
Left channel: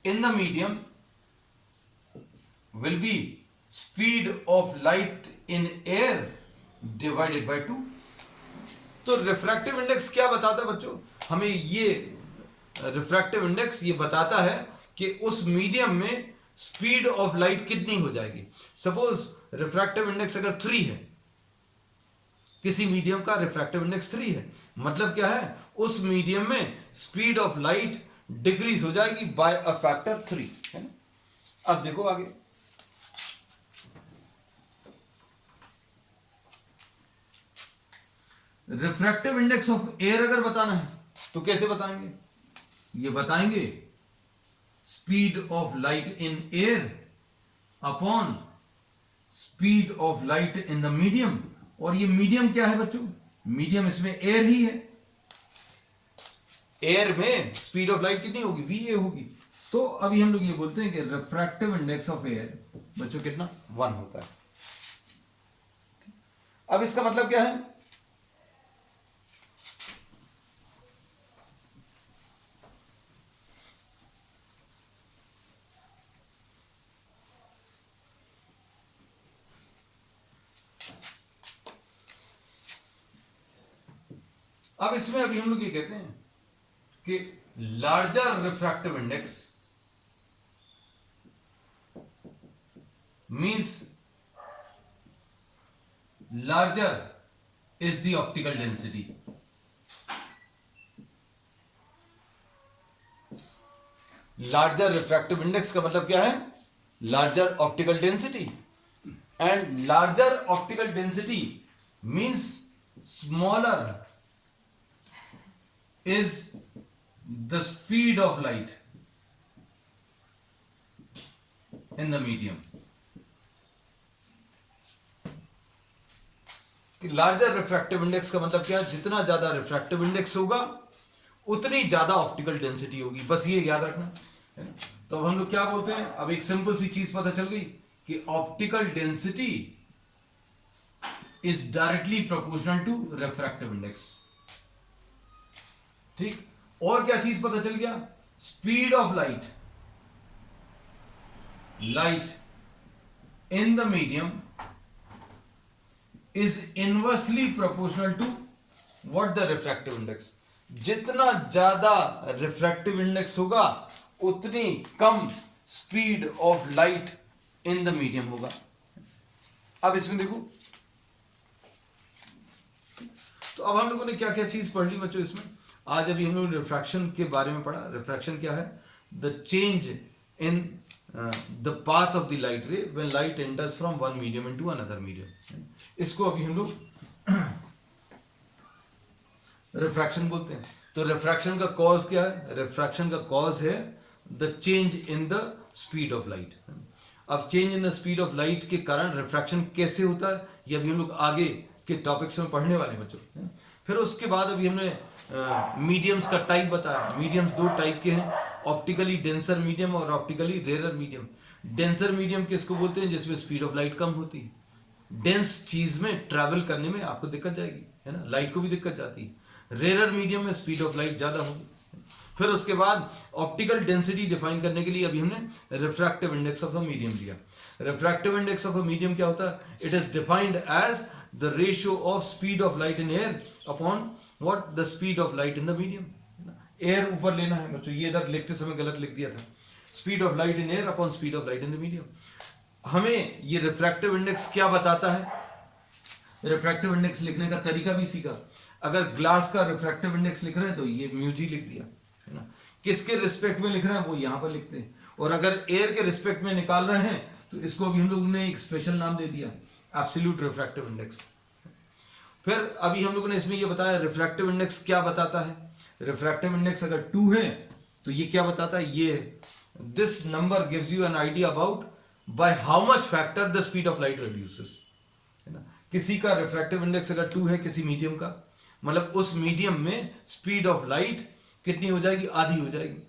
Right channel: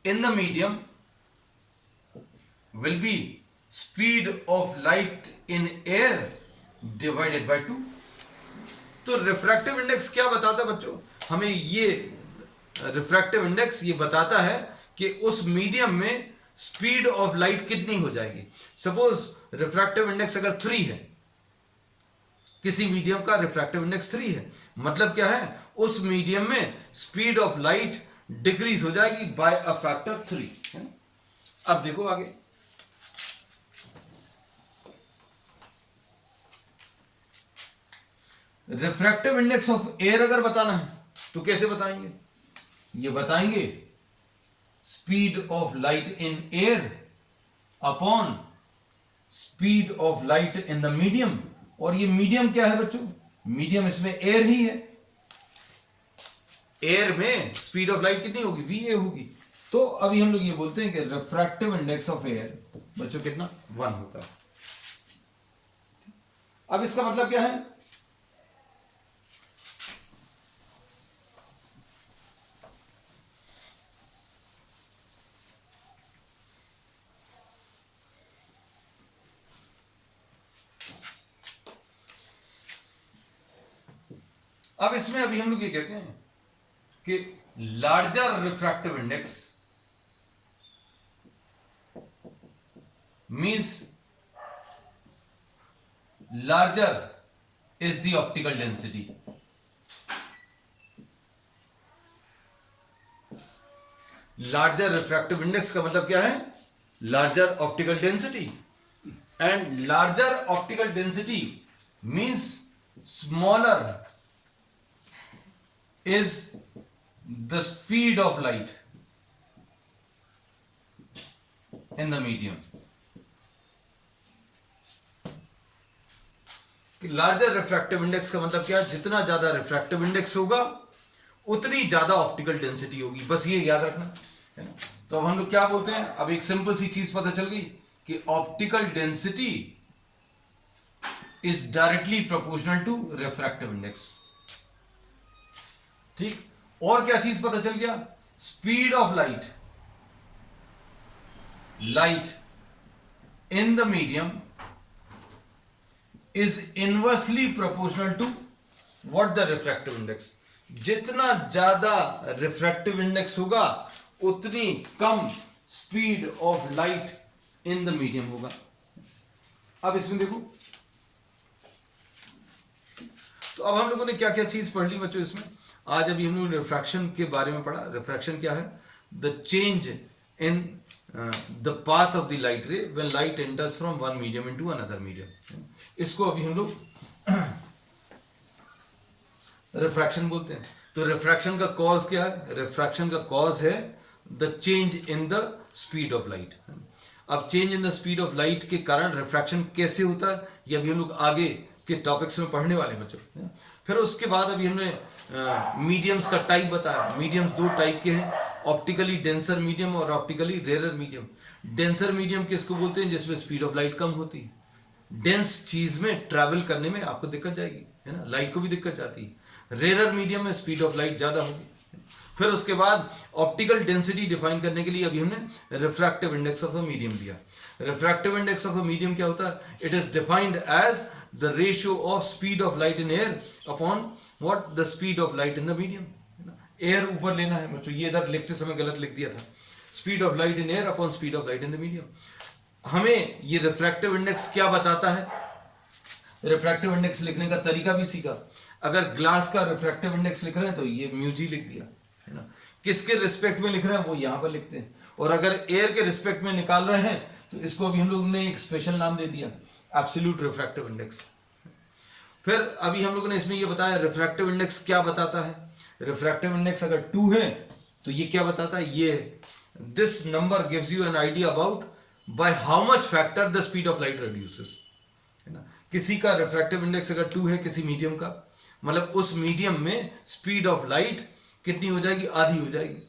in the medium will be speed of light in air divided by 2। तो रिफ्रैक्टिव इंडेक्स क्या बताता है बच्चों, हमें ये रिफ्रैक्टिव इंडेक्स ये बताता है कि उस मीडियम में स्पीड ऑफ लाइट कितनी हो जाएगी। सपोज रिफ्रैक्टिव इंडेक्स अगर 3 है, किसी मीडियम का रिफ्रैक्टिव इंडेक्स 3 है, मतलब क्या है, उस मीडियम में स्पीड ऑफ लाइट डिक्रीज हो जाएगी बाय अ फैक्टर 3 है। अब देखो आगे, रिफ्रैक्टिव इंडेक्स ऑफ एयर अगर बताना है तो कैसे बताएंगे, ये बताएंगे speed of light in air upon speed of light in the medium. और ये मीडियम क्या है बच्चों, मीडियम इसमें एयर ही है, एयर में स्पीड ऑफ लाइट कितनी होगी, वी होगी। तो अभी हम लोग ये बोलते हैं कि रिफ्रैक्टिव इंडेक्स ऑफ एयर बच्चों कितना 1 होता है। अब इसका मतलब क्या है, अब इसमें अभी हम लोग ये कहते हैं कि larger refractive index means larger is the optical density. Larger refractive index का मतलब क्या है, larger optical density, and larger optical density means smaller is the speed of light in the medium। Larger refractive index का मतलब क्या है, जितना ज्यादा रिफ्रैक्टिव इंडेक्स होगा उतनी ज्यादा ऑप्टिकल डेंसिटी होगी, बस ये याद रखना है ना। तो अब हम लोग क्या बोलते हैं, अब एक सिंपल सी चीज पता चल गई कि optical density is directly proportional to refractive index. ठीक, और क्या चीज पता चल गया, speed of light in the medium is inversely proportional to what the refractive index. जितना ज्यादा रिफ्रैक्टिव इंडेक्स होगा उतनी कम speed of light in the medium होगा। अब इसमें देखो, तो अब हम लोगों ने क्या क्या चीज पढ़ ली बच्चों इसमें। आज अभी हम लोग रिफ्रैक्शन के बारे में पढ़ा। रिफ्रैक्शन क्या है, the change in the path of the light ray when light enters from one medium into another medium. इसको अभी हम लोग रिफ्रैक्शन बोलते हैं। तो रिफ्रैक्शन का कॉज क्या है, रिफ्रैक्शन का कॉज है the change in the speed of light. अब change in the speed of light के कारण रिफ्रैक्शन कैसे होता है, ये अभी हम लोग आगे के टॉपिक्स में पढ़ने वाले बच्चों। फिर उसके बाद अभी हमने मीडियम्स का टाइप बताया। मीडियम्स 2 टाइप के हैं, ऑप्टिकली डेंसर मीडियम और optically rarer medium. Denser medium किसको बोलते हैं, जिसमें स्पीड ऑफ लाइट कम होती है। डेंस चीज में ट्रैवल करने में आपको दिक्कत जाएगी, है ना, लाइट को भी दिक्कत जाती है। रेरर मीडियम में स्पीड ऑफ लाइट ज्यादा होगी। फिर उसके बाद ऑप्टिकल डेंसिटी डिफाइन करने के लिए अभी हमने refractive index of a medium दिया। Refractive index of a medium क्या होता है, it is defined as the ratio of speed of light in air upon what the speed of light in the medium. Air ऊपर लेना है बच्चों, ये इधर लिखते समय गलत लिख दिया था। Speed of light in air upon speed of light in the medium. हमें ये रिफ्रैक्टिव इंडेक्स क्या बताता है, रिफ्रैक्टिव इंडेक्स लिखने का तरीका भी सीखा। अगर ग्लास का रिफ्रैक्टिव इंडेक्स लिख रहे हैं तो ये म्यूजी लिख दिया, है ना। किसके रिस्पेक्ट में लिख रहे हैं वो यहां पर लिखते हैं, और अगर एयर के रिस्पेक्ट में निकाल रहे हैं तो इसको अभी हम लोग ने एक स्पेशल नाम दे दिया, एब्सोल्यूट रिफ्रैक्टिव इंडेक्स। फिर अभी हम लोगों ने इसमें ये बताया रिफ्रैक्टिव इंडेक्स क्या बताता है। रिफ्रैक्टिव इंडेक्स अगर 2 है तो ये क्या बताता है, ये this number gives you an idea about by how much factor the speed of light reduces, है ना। किसी का रिफ्रैक्टिव इंडेक्स अगर 2 है किसी मीडियम का, मतलब उस मीडियम में स्पीड ऑफ लाइट कितनी हो जाएगी, आधी हो जाएगी,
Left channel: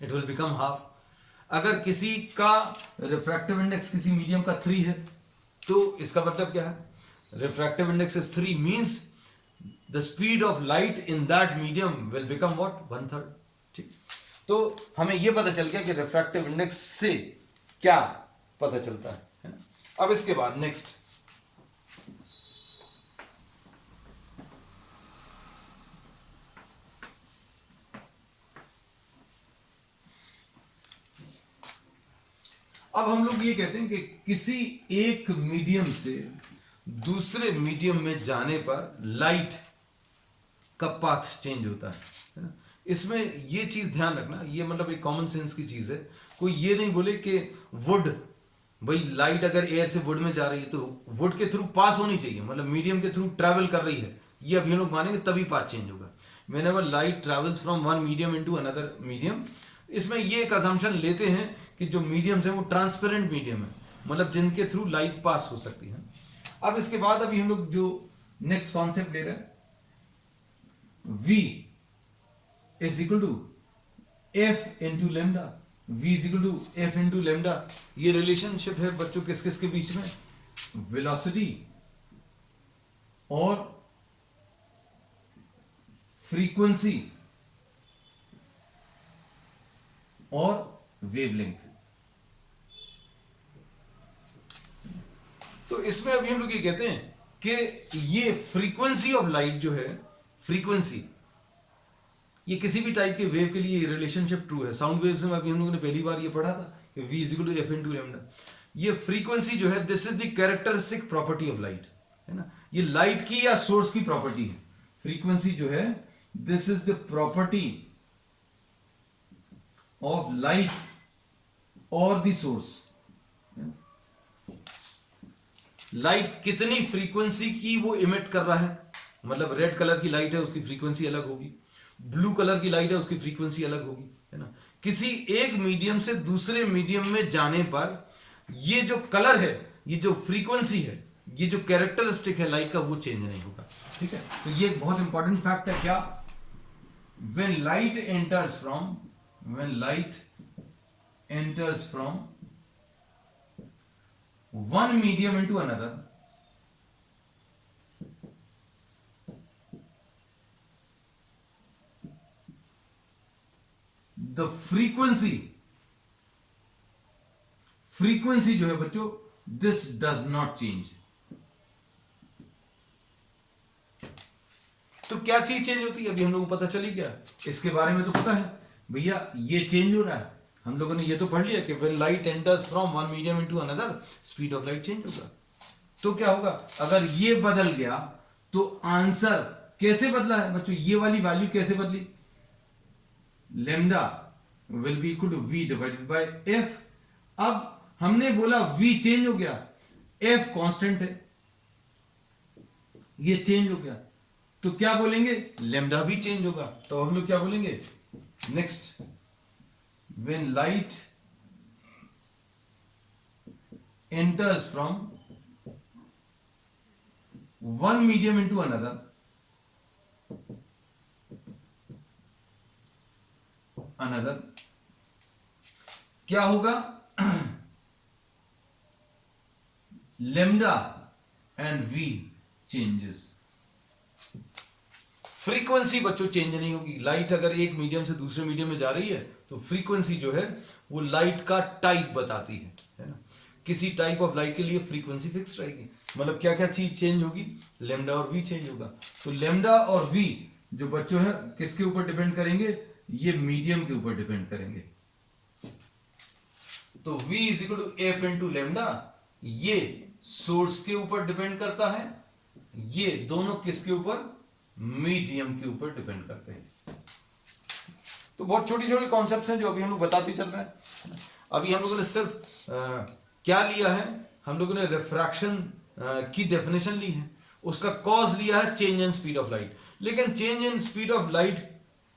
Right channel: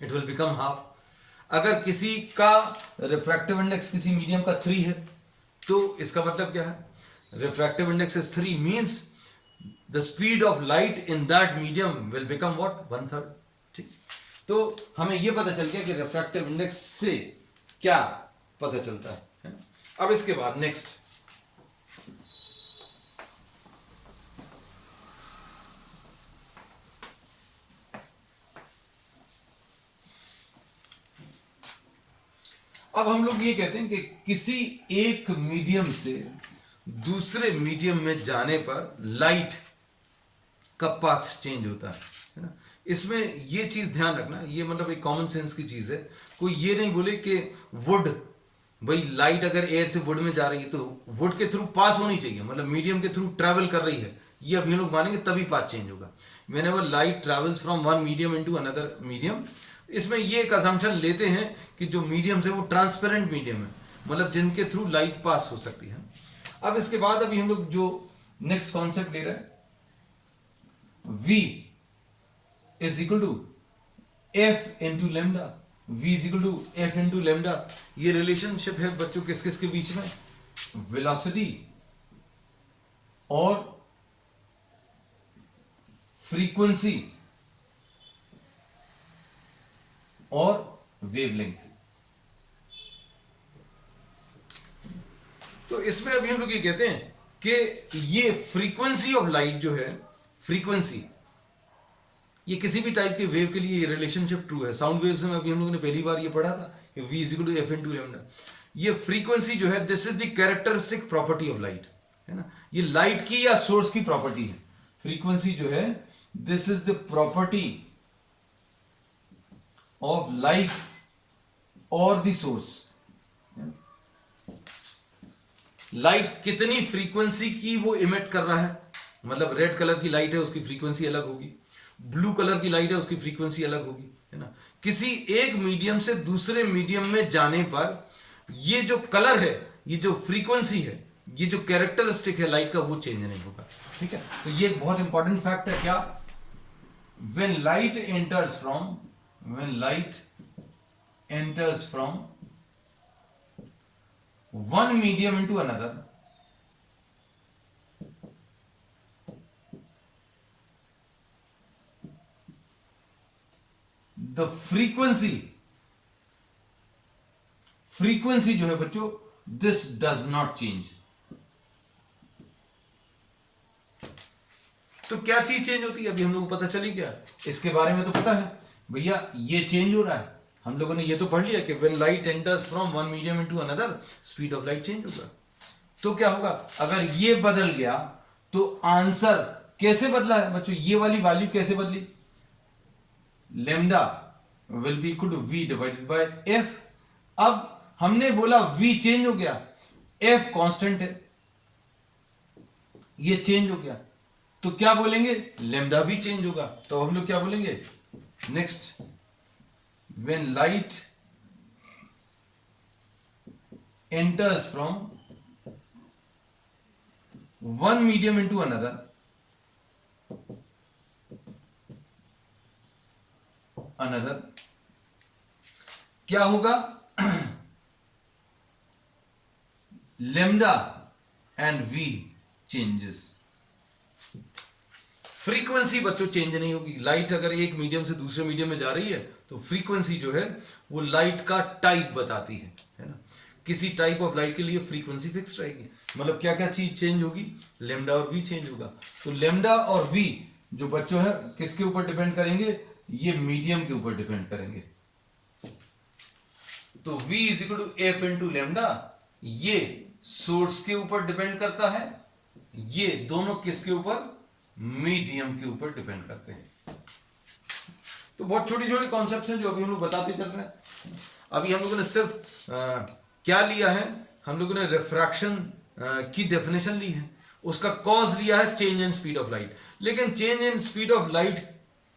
इट विल बिकम हाफ। अगर किसी का रिफ्रैक्टिव इंडेक्स किसी मीडियम का 3 है तो इसका मतलब क्या है, refractive index is 3 means the speed of light in that medium will become what, 1/3। ठीक, तो हमें यह पता चल गया कि रिफ्रैक्टिव इंडेक्स से क्या पता चलता है ना? अब इसके बाद नेक्स्ट, अब हम लोग ये कहते हैं कि किसी एक मीडियम से दूसरे मीडियम में जाने पर लाइट का पाथ चेंज होता है ना। इसमें ये चीज ध्यान रखना, ये मतलब एक कॉमन सेंस की चीज है। कोई ये नहीं बोले कि वुड, भाई लाइट अगर एयर से वुड में जा रही है तो वुड के थ्रू पास होनी चाहिए, मतलब मीडियम के थ्रू ट्रैवल कर रही है, ये अभी हम लोग मानेंगे तभी पाथ चेंज होगा। Whenever light travels from one medium into another medium, इसमें ये एक असम्पशन लेते हैं कि जो मीडियम्स है वो ट्रांसपेरेंट मीडियम है, मतलब जिनके थ्रू लाइट पास हो सकती है। अब इसके बाद अभी हम लोग जो नेक्स्ट कॉन्सेप्ट ले रहे हैं, V is equal to F into lambda, V is equal to F into lambda। ये रिलेशनशिप है बच्चों किस किस के बीच में, वेलोसिटी और फ्रीक्वेंसी और वेवलेंथ। तो इसमें अभी हम लोग ये कहते हैं कि ये फ्रीक्वेंसी ऑफ लाइट जो है, फ्रीक्वेंसी, ये किसी भी टाइप के वेव के लिए ये रिलेशनशिप ट्रू है। साउंड वेव से अभी हम लोगों ने पहली बार ये पढ़ा था कि V is equal to F into lambda. ये फ्रीक्वेंसी जो है this is the characteristic property of light, है ना। ये लाइट की या सोर्स की प्रॉपर्टी है। फ्रीक्वेंसी जो है this is the property of light और द सोर्स। लाइट कितनी फ्रीक्वेंसी की वो इमिट कर रहा है, मतलब रेड कलर की लाइट है उसकी फ्रीक्वेंसी अलग होगी, ब्लू कलर की लाइट है उसकी फ्रीक्वेंसी अलग होगी, है ना। किसी एक मीडियम से दूसरे मीडियम में जाने पर ये जो कलर है, ये जो फ्रीक्वेंसी है, ये जो कैरेक्टरिस्टिक है लाइट का, वो चेंज नहीं होगा। ठीक है, तो ये एक बहुत इंपॉर्टेंट फैक्ट है। क्या, when light enters from one medium into another, the frequency जो है बच्चों, this does not change। तो क्या चीज चेंज होती है, अभी हम लोगों को पता चली क्या, इसके बारे में तो पता है भैया, ये चेंज हो रहा है। हम लोगों ने ये तो पढ़ लिया कि when light enters from one medium into another, speed of light change होगा। तो क्या होगा, अगर ये बदल गया तो आंसर कैसे बदला है बच्चों, ये वाली वैल्यू कैसे बदली, lambda will be equal to V divided by F। अब हमने बोला V चेंज हो गया, F कांस्टेंट है, ये चेंज हो गया, तो क्या बोलेंगे, लैम्डा भी चेंज होगा। तो हम लोग क्या बोलेंगे, next, when light enters from one medium into another, क्या होगा, lambda and V changes। Frequency बच्चों चेंज नहीं होगी। लाइट अगर एक मीडियम से दूसरे मीडियम में जा रही है तो फ्रीक्वेंसी जो है वो लाइट का टाइप बताती है ना। किसी टाइप ऑफ लाइट के लिए फ्रीक्वेंसी फिक्स रहेगी, मतलब क्या क्या चीज चेंज होगी, लेमडा और वी चेंज होगा। तो लेमडा और वी जो बच्चों है किसके ऊपर डिपेंड करेंगे, ये मीडियम के ऊपर डिपेंड करेंगे। तो v is equal to F into lambda, ये सोर्स के ऊपर डिपेंड करता है, ये दोनों किसके ऊपर, मीडियम के ऊपर डिपेंड करते हैं। तो बहुत छोटी छोटी कॉन्सेप्ट्स हैं जो अभी हम लोग बताते चल रहे हैं। अभी हम लोगों ने सिर्फ क्या लिया है, हम लोगों ने रिफ्रैक्शन की डेफिनेशन ली है, उसका कॉज लिया है change in speed of light, लेकिन change in speed of light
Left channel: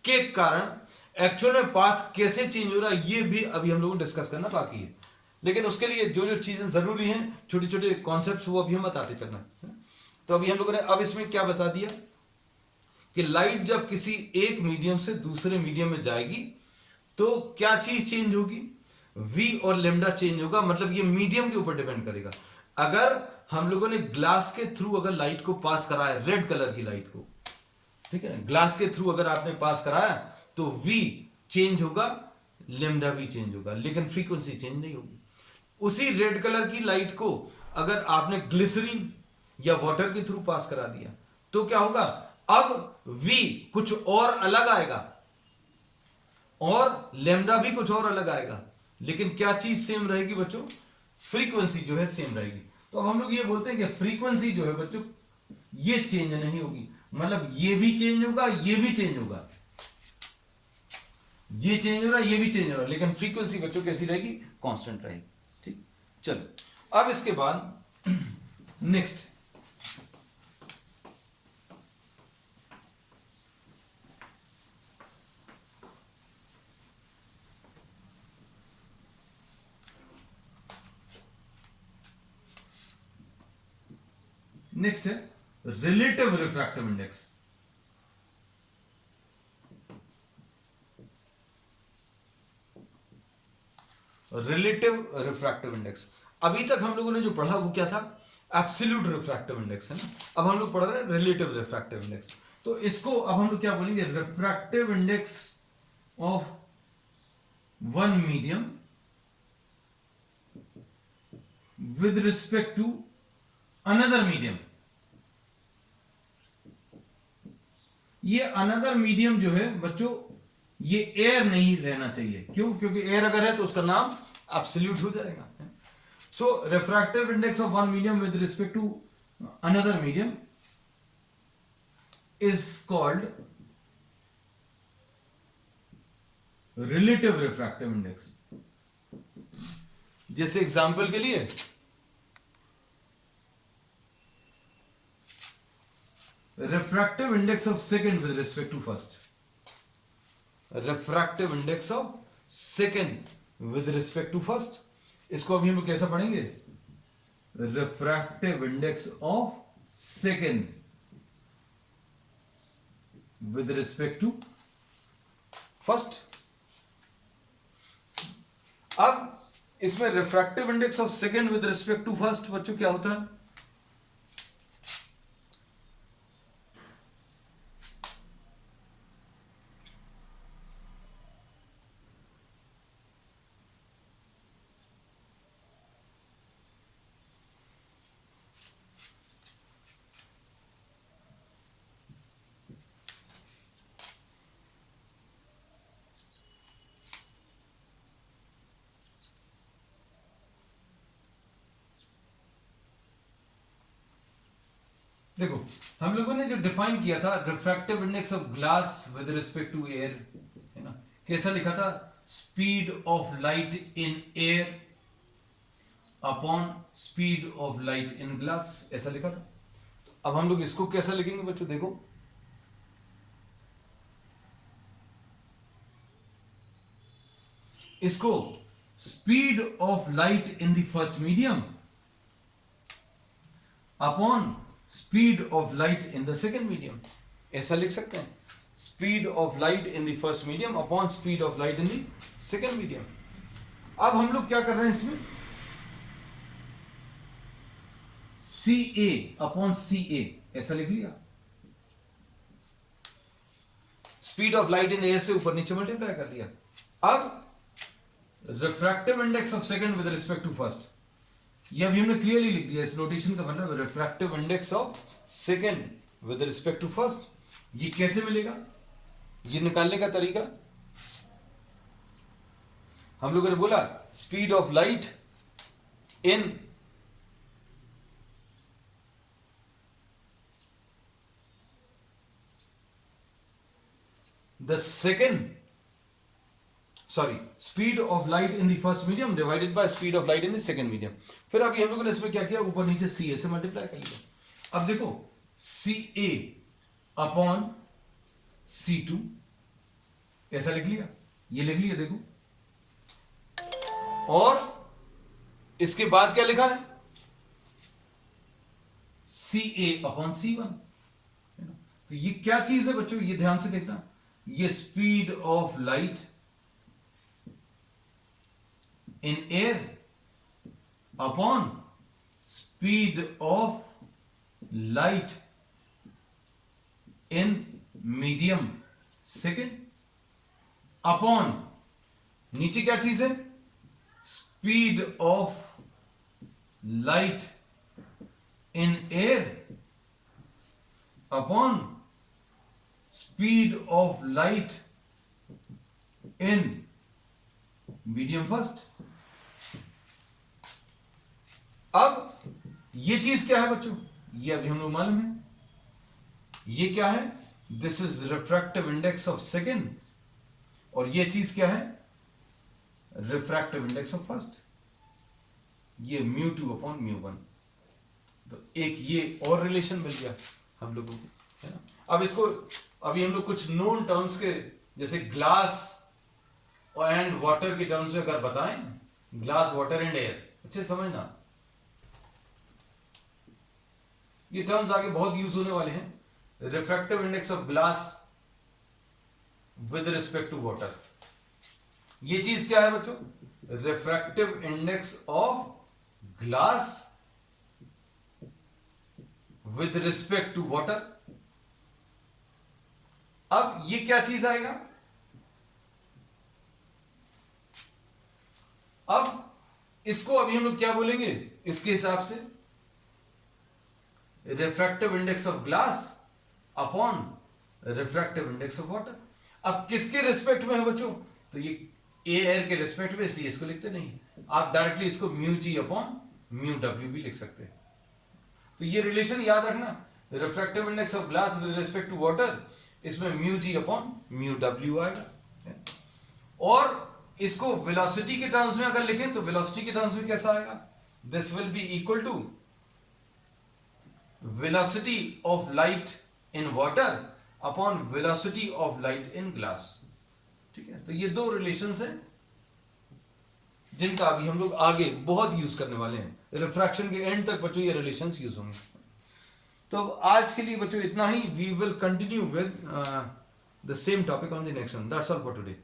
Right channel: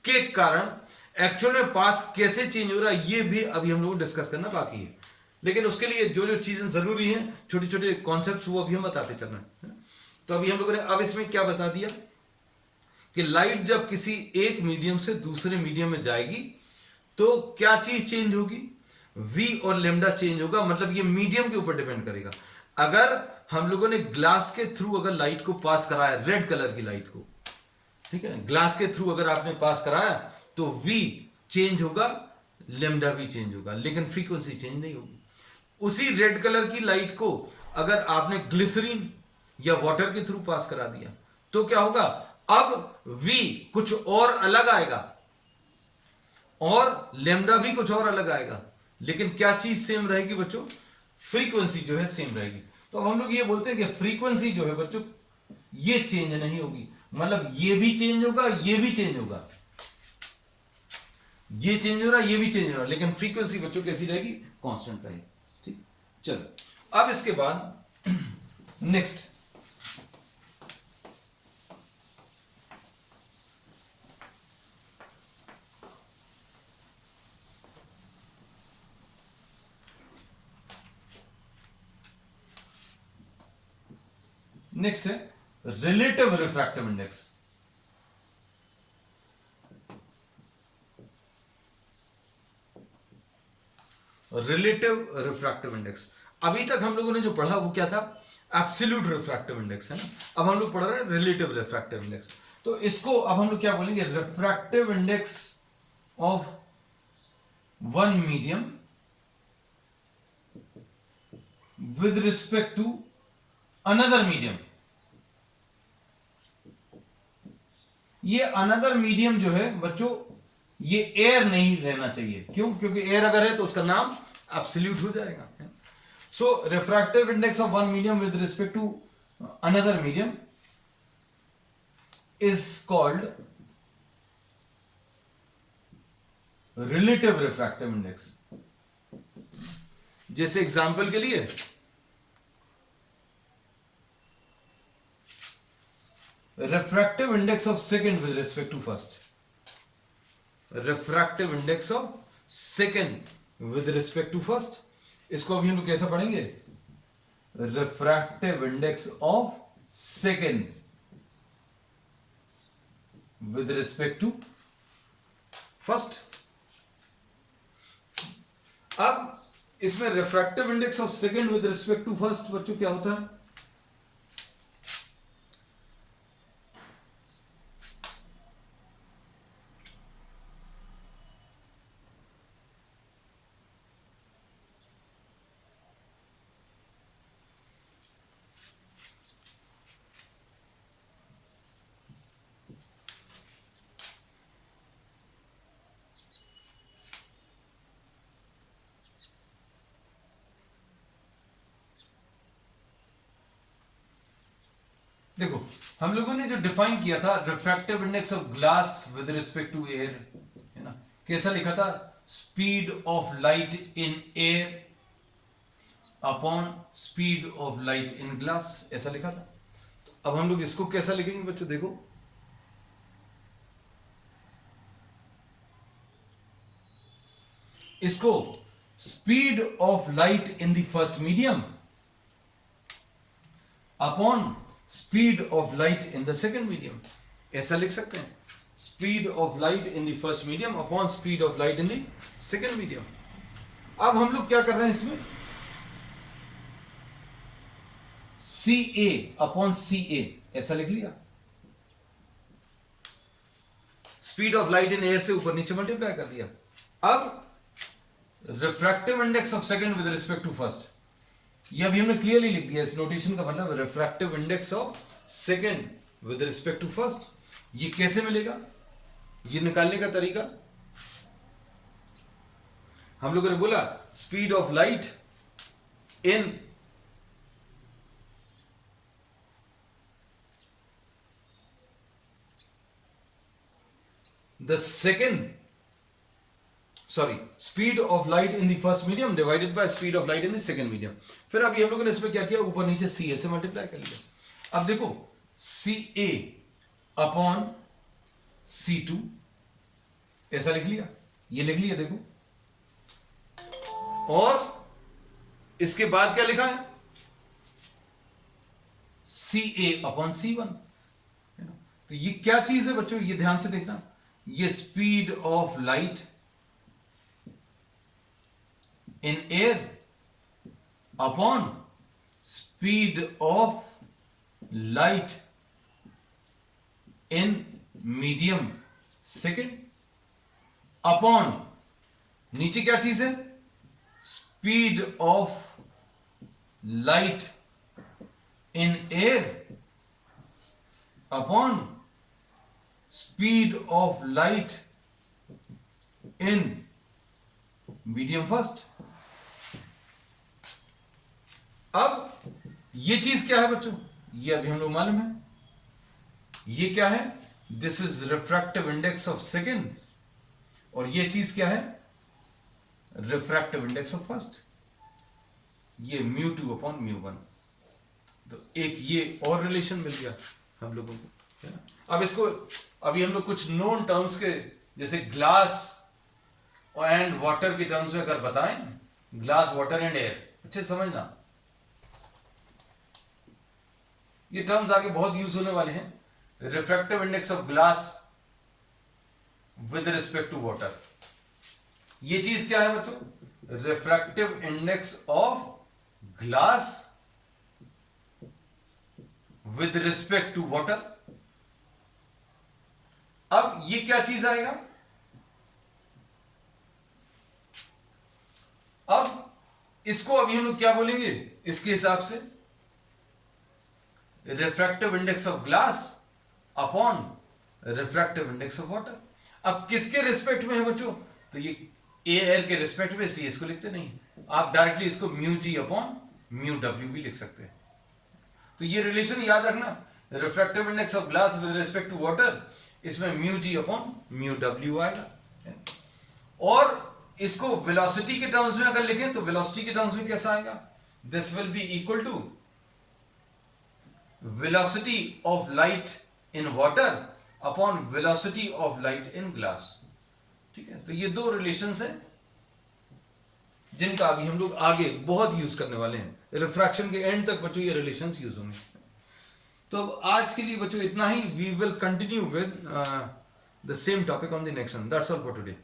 के कारण एक्चुअल में पाथ कैसे चेंज हो रहा है ये भी अभी हम लोगों को डिस्कस करना बाकी है। लेकिन उसके लिए जो जो चीजें जरूरी हैं, छोटे छोटे कॉन्सेप्ट्स, वो अभी हम बताते चल रहे हैं। तो अभी हम लोगों ने अब इसमें क्या बता दिया कि लाइट जब किसी एक मीडियम से दूसरे मीडियम में जाएगी तो क्या चीज चेंज होगी, v और लेमडा चेंज होगा, मतलब ये मीडियम के ऊपर डिपेंड करेगा। अगर हम लोगों ने ग्लास के थ्रू अगर लाइट को पास कराया, रेड कलर की लाइट को, ठीक है, ग्लास के थ्रू अगर आपने पास कराया तो v चेंज होगा, लेमडा भी चेंज होगा, लेकिन फ्रीक्वेंसी चेंज नहीं होगी। उसी रेड कलर की लाइट को अगर आपने ग्लिसरीन या वाटर के थ्रू पास करा दिया तो क्या होगा, अब v कुछ और अलग आएगा और लेमडा भी कुछ और अलग आएगा, लेकिन क्या चीज सेम रहेगी बच्चों, फ्रीक्वेंसी जो है सेम रहेगी। तो अब हम लोग ये बोलते हैं कि फ्रीक्वेंसी जो है बच्चों ये चेंज नहीं होगी, मतलब ये भी चेंज होगा, ये भी चेंज होगा, ये चेंज हो रहा है, ये भी चेंज हो रहा है, लेकिन फ्रीक्वेंसी बच्चों कैसी रहेगी, कांस्टेंट रहेगी। ठीक, चलो अब इसके बाद नेक्स्ट नेक्स्ट है relative refractive index. Relative refractive index, अभी तक हम लोगों ने जो पढ़ा वो क्या था, एब्सोल्यूट रिफ्रैक्टिव इंडेक्स है ना, अब हम लोग पढ़ रहे हैं रिलेटिव रिफ्रैक्टिव इंडेक्स। तो इसको अब हम लोग क्या बोलेंगे, refractive index of one medium with respect to another medium. ये अनदर मीडियम जो है बच्चों ये एयर नहीं रहना चाहिए, क्यों, क्योंकि एयर अगर है तो उसका नाम एब्सोल्यूट हो जाएगा। So refractive index of one medium with respect to another medium is called relative refractive index. जैसे एग्जांपल के लिए refractive index of second with respect to first, refractive index of second with respect to first, इसको अभी हम लोग कैसा पढ़ेंगे, refractive index of second with respect to first। अब इसमें refractive index of second with respect to first बच्चों क्या होता है, देखो हम लोगों ने जो डिफाइन किया था refractive index of glass with respect to air, है ना, कैसा लिखा था, speed of light in air upon speed of light in glass, ऐसा लिखा था। तो अब हम लोग इसको कैसा लिखेंगे बच्चों, देखो इसको speed of light in the first medium upon speed of light in the second medium, ऐसा लिख सकते हैं, speed of light in the first medium upon speed of light in the second medium. अब हम लोग क्या कर रहे हैं इसमें, सी ए अपॉन सी ए ऐसा लिख लिया, speed of light in air से ऊपर नीचे मल्टीप्लाई कर दिया। अब refractive index of second with respect to first, ये अभी हमने क्लियरली लिख दिया, इस नोटेशन का मतलब refractive index of second with respect to first. ये कैसे मिलेगा, ये निकालने का तरीका, हम लोगों ने बोला speed of light in the second, sorry, speed of light in the first medium divided by speed of light in the second medium. फिर अभी हम लोगों ने इसमें क्या किया, ऊपर नीचे सी ए से मल्टीप्लाई कर लिया। अब देखो सी ए अपॉन सी टू ऐसा लिख लिया, ये लिख लिया देखो, और इसके बाद क्या लिखा है, सी ए अपॉन सी वन। तो ये क्या चीज है बच्चों, ये ध्यान से देखना, ये speed of light in air upon speed of light in medium second upon नीचे क्या चीज है, speed of light in air upon speed of light in medium first. अब ये चीज क्या है बच्चों, ये अभी हम लोग मालूम है, ये क्या है, this is refractive index of second, और ये चीज क्या है, रिफ्रैक्टिव इंडेक्स ऑफ फर्स्ट, ये mu two upon mu one. तो एक ये और रिलेशन मिल गया हम लोगों को। अब इसको अभी हम लोग कुछ नोन टर्म्स के, जैसे ग्लास एंड वाटर के टर्म्स में अगर बताएं, ग्लास, वाटर एंड एयर, अच्छे समझना, ये टर्म्स आगे बहुत यूज होने वाले हैं। Refractive index of glass with respect to water, ये चीज क्या है बच्चों, refractive index of glass with respect to water. अब ये क्या चीज आएगा, अब इसको अभी हम लोग क्या बोलेंगे इसके हिसाब से, refractive index of glass upon refractive index of water. अब किसके रिस्पेक्ट में है बच्चों, तो ये एयर के रिस्पेक्ट में, इसलिए इसको लिखते नहीं, आप डायरेक्टली इसको mu G upon mu W भी लिख सकते हैं। तो ये रिलेशन याद रखना, refractive index of glass with respect to water, इसमें mu G upon mu W आएगा। और इसको वेलोसिटी के टर्म्स में अगर लिखें तो वेलोसिटी के टर्म्स में कैसा आएगा, this will be equal to velocity of light in water upon velocity of light in glass. ठीक है, तो ये दो रिलेशंस हैं जिनका अभी हम लोग आगे बहुत यूज करने वाले हैं, रिफ्रैक्शन के एंड तक बच्चों ये रिलेशंस यूज होंगे। तो अब आज के लिए बच्चों इतना ही, we will continue with the same topic on the next one. That's all for today.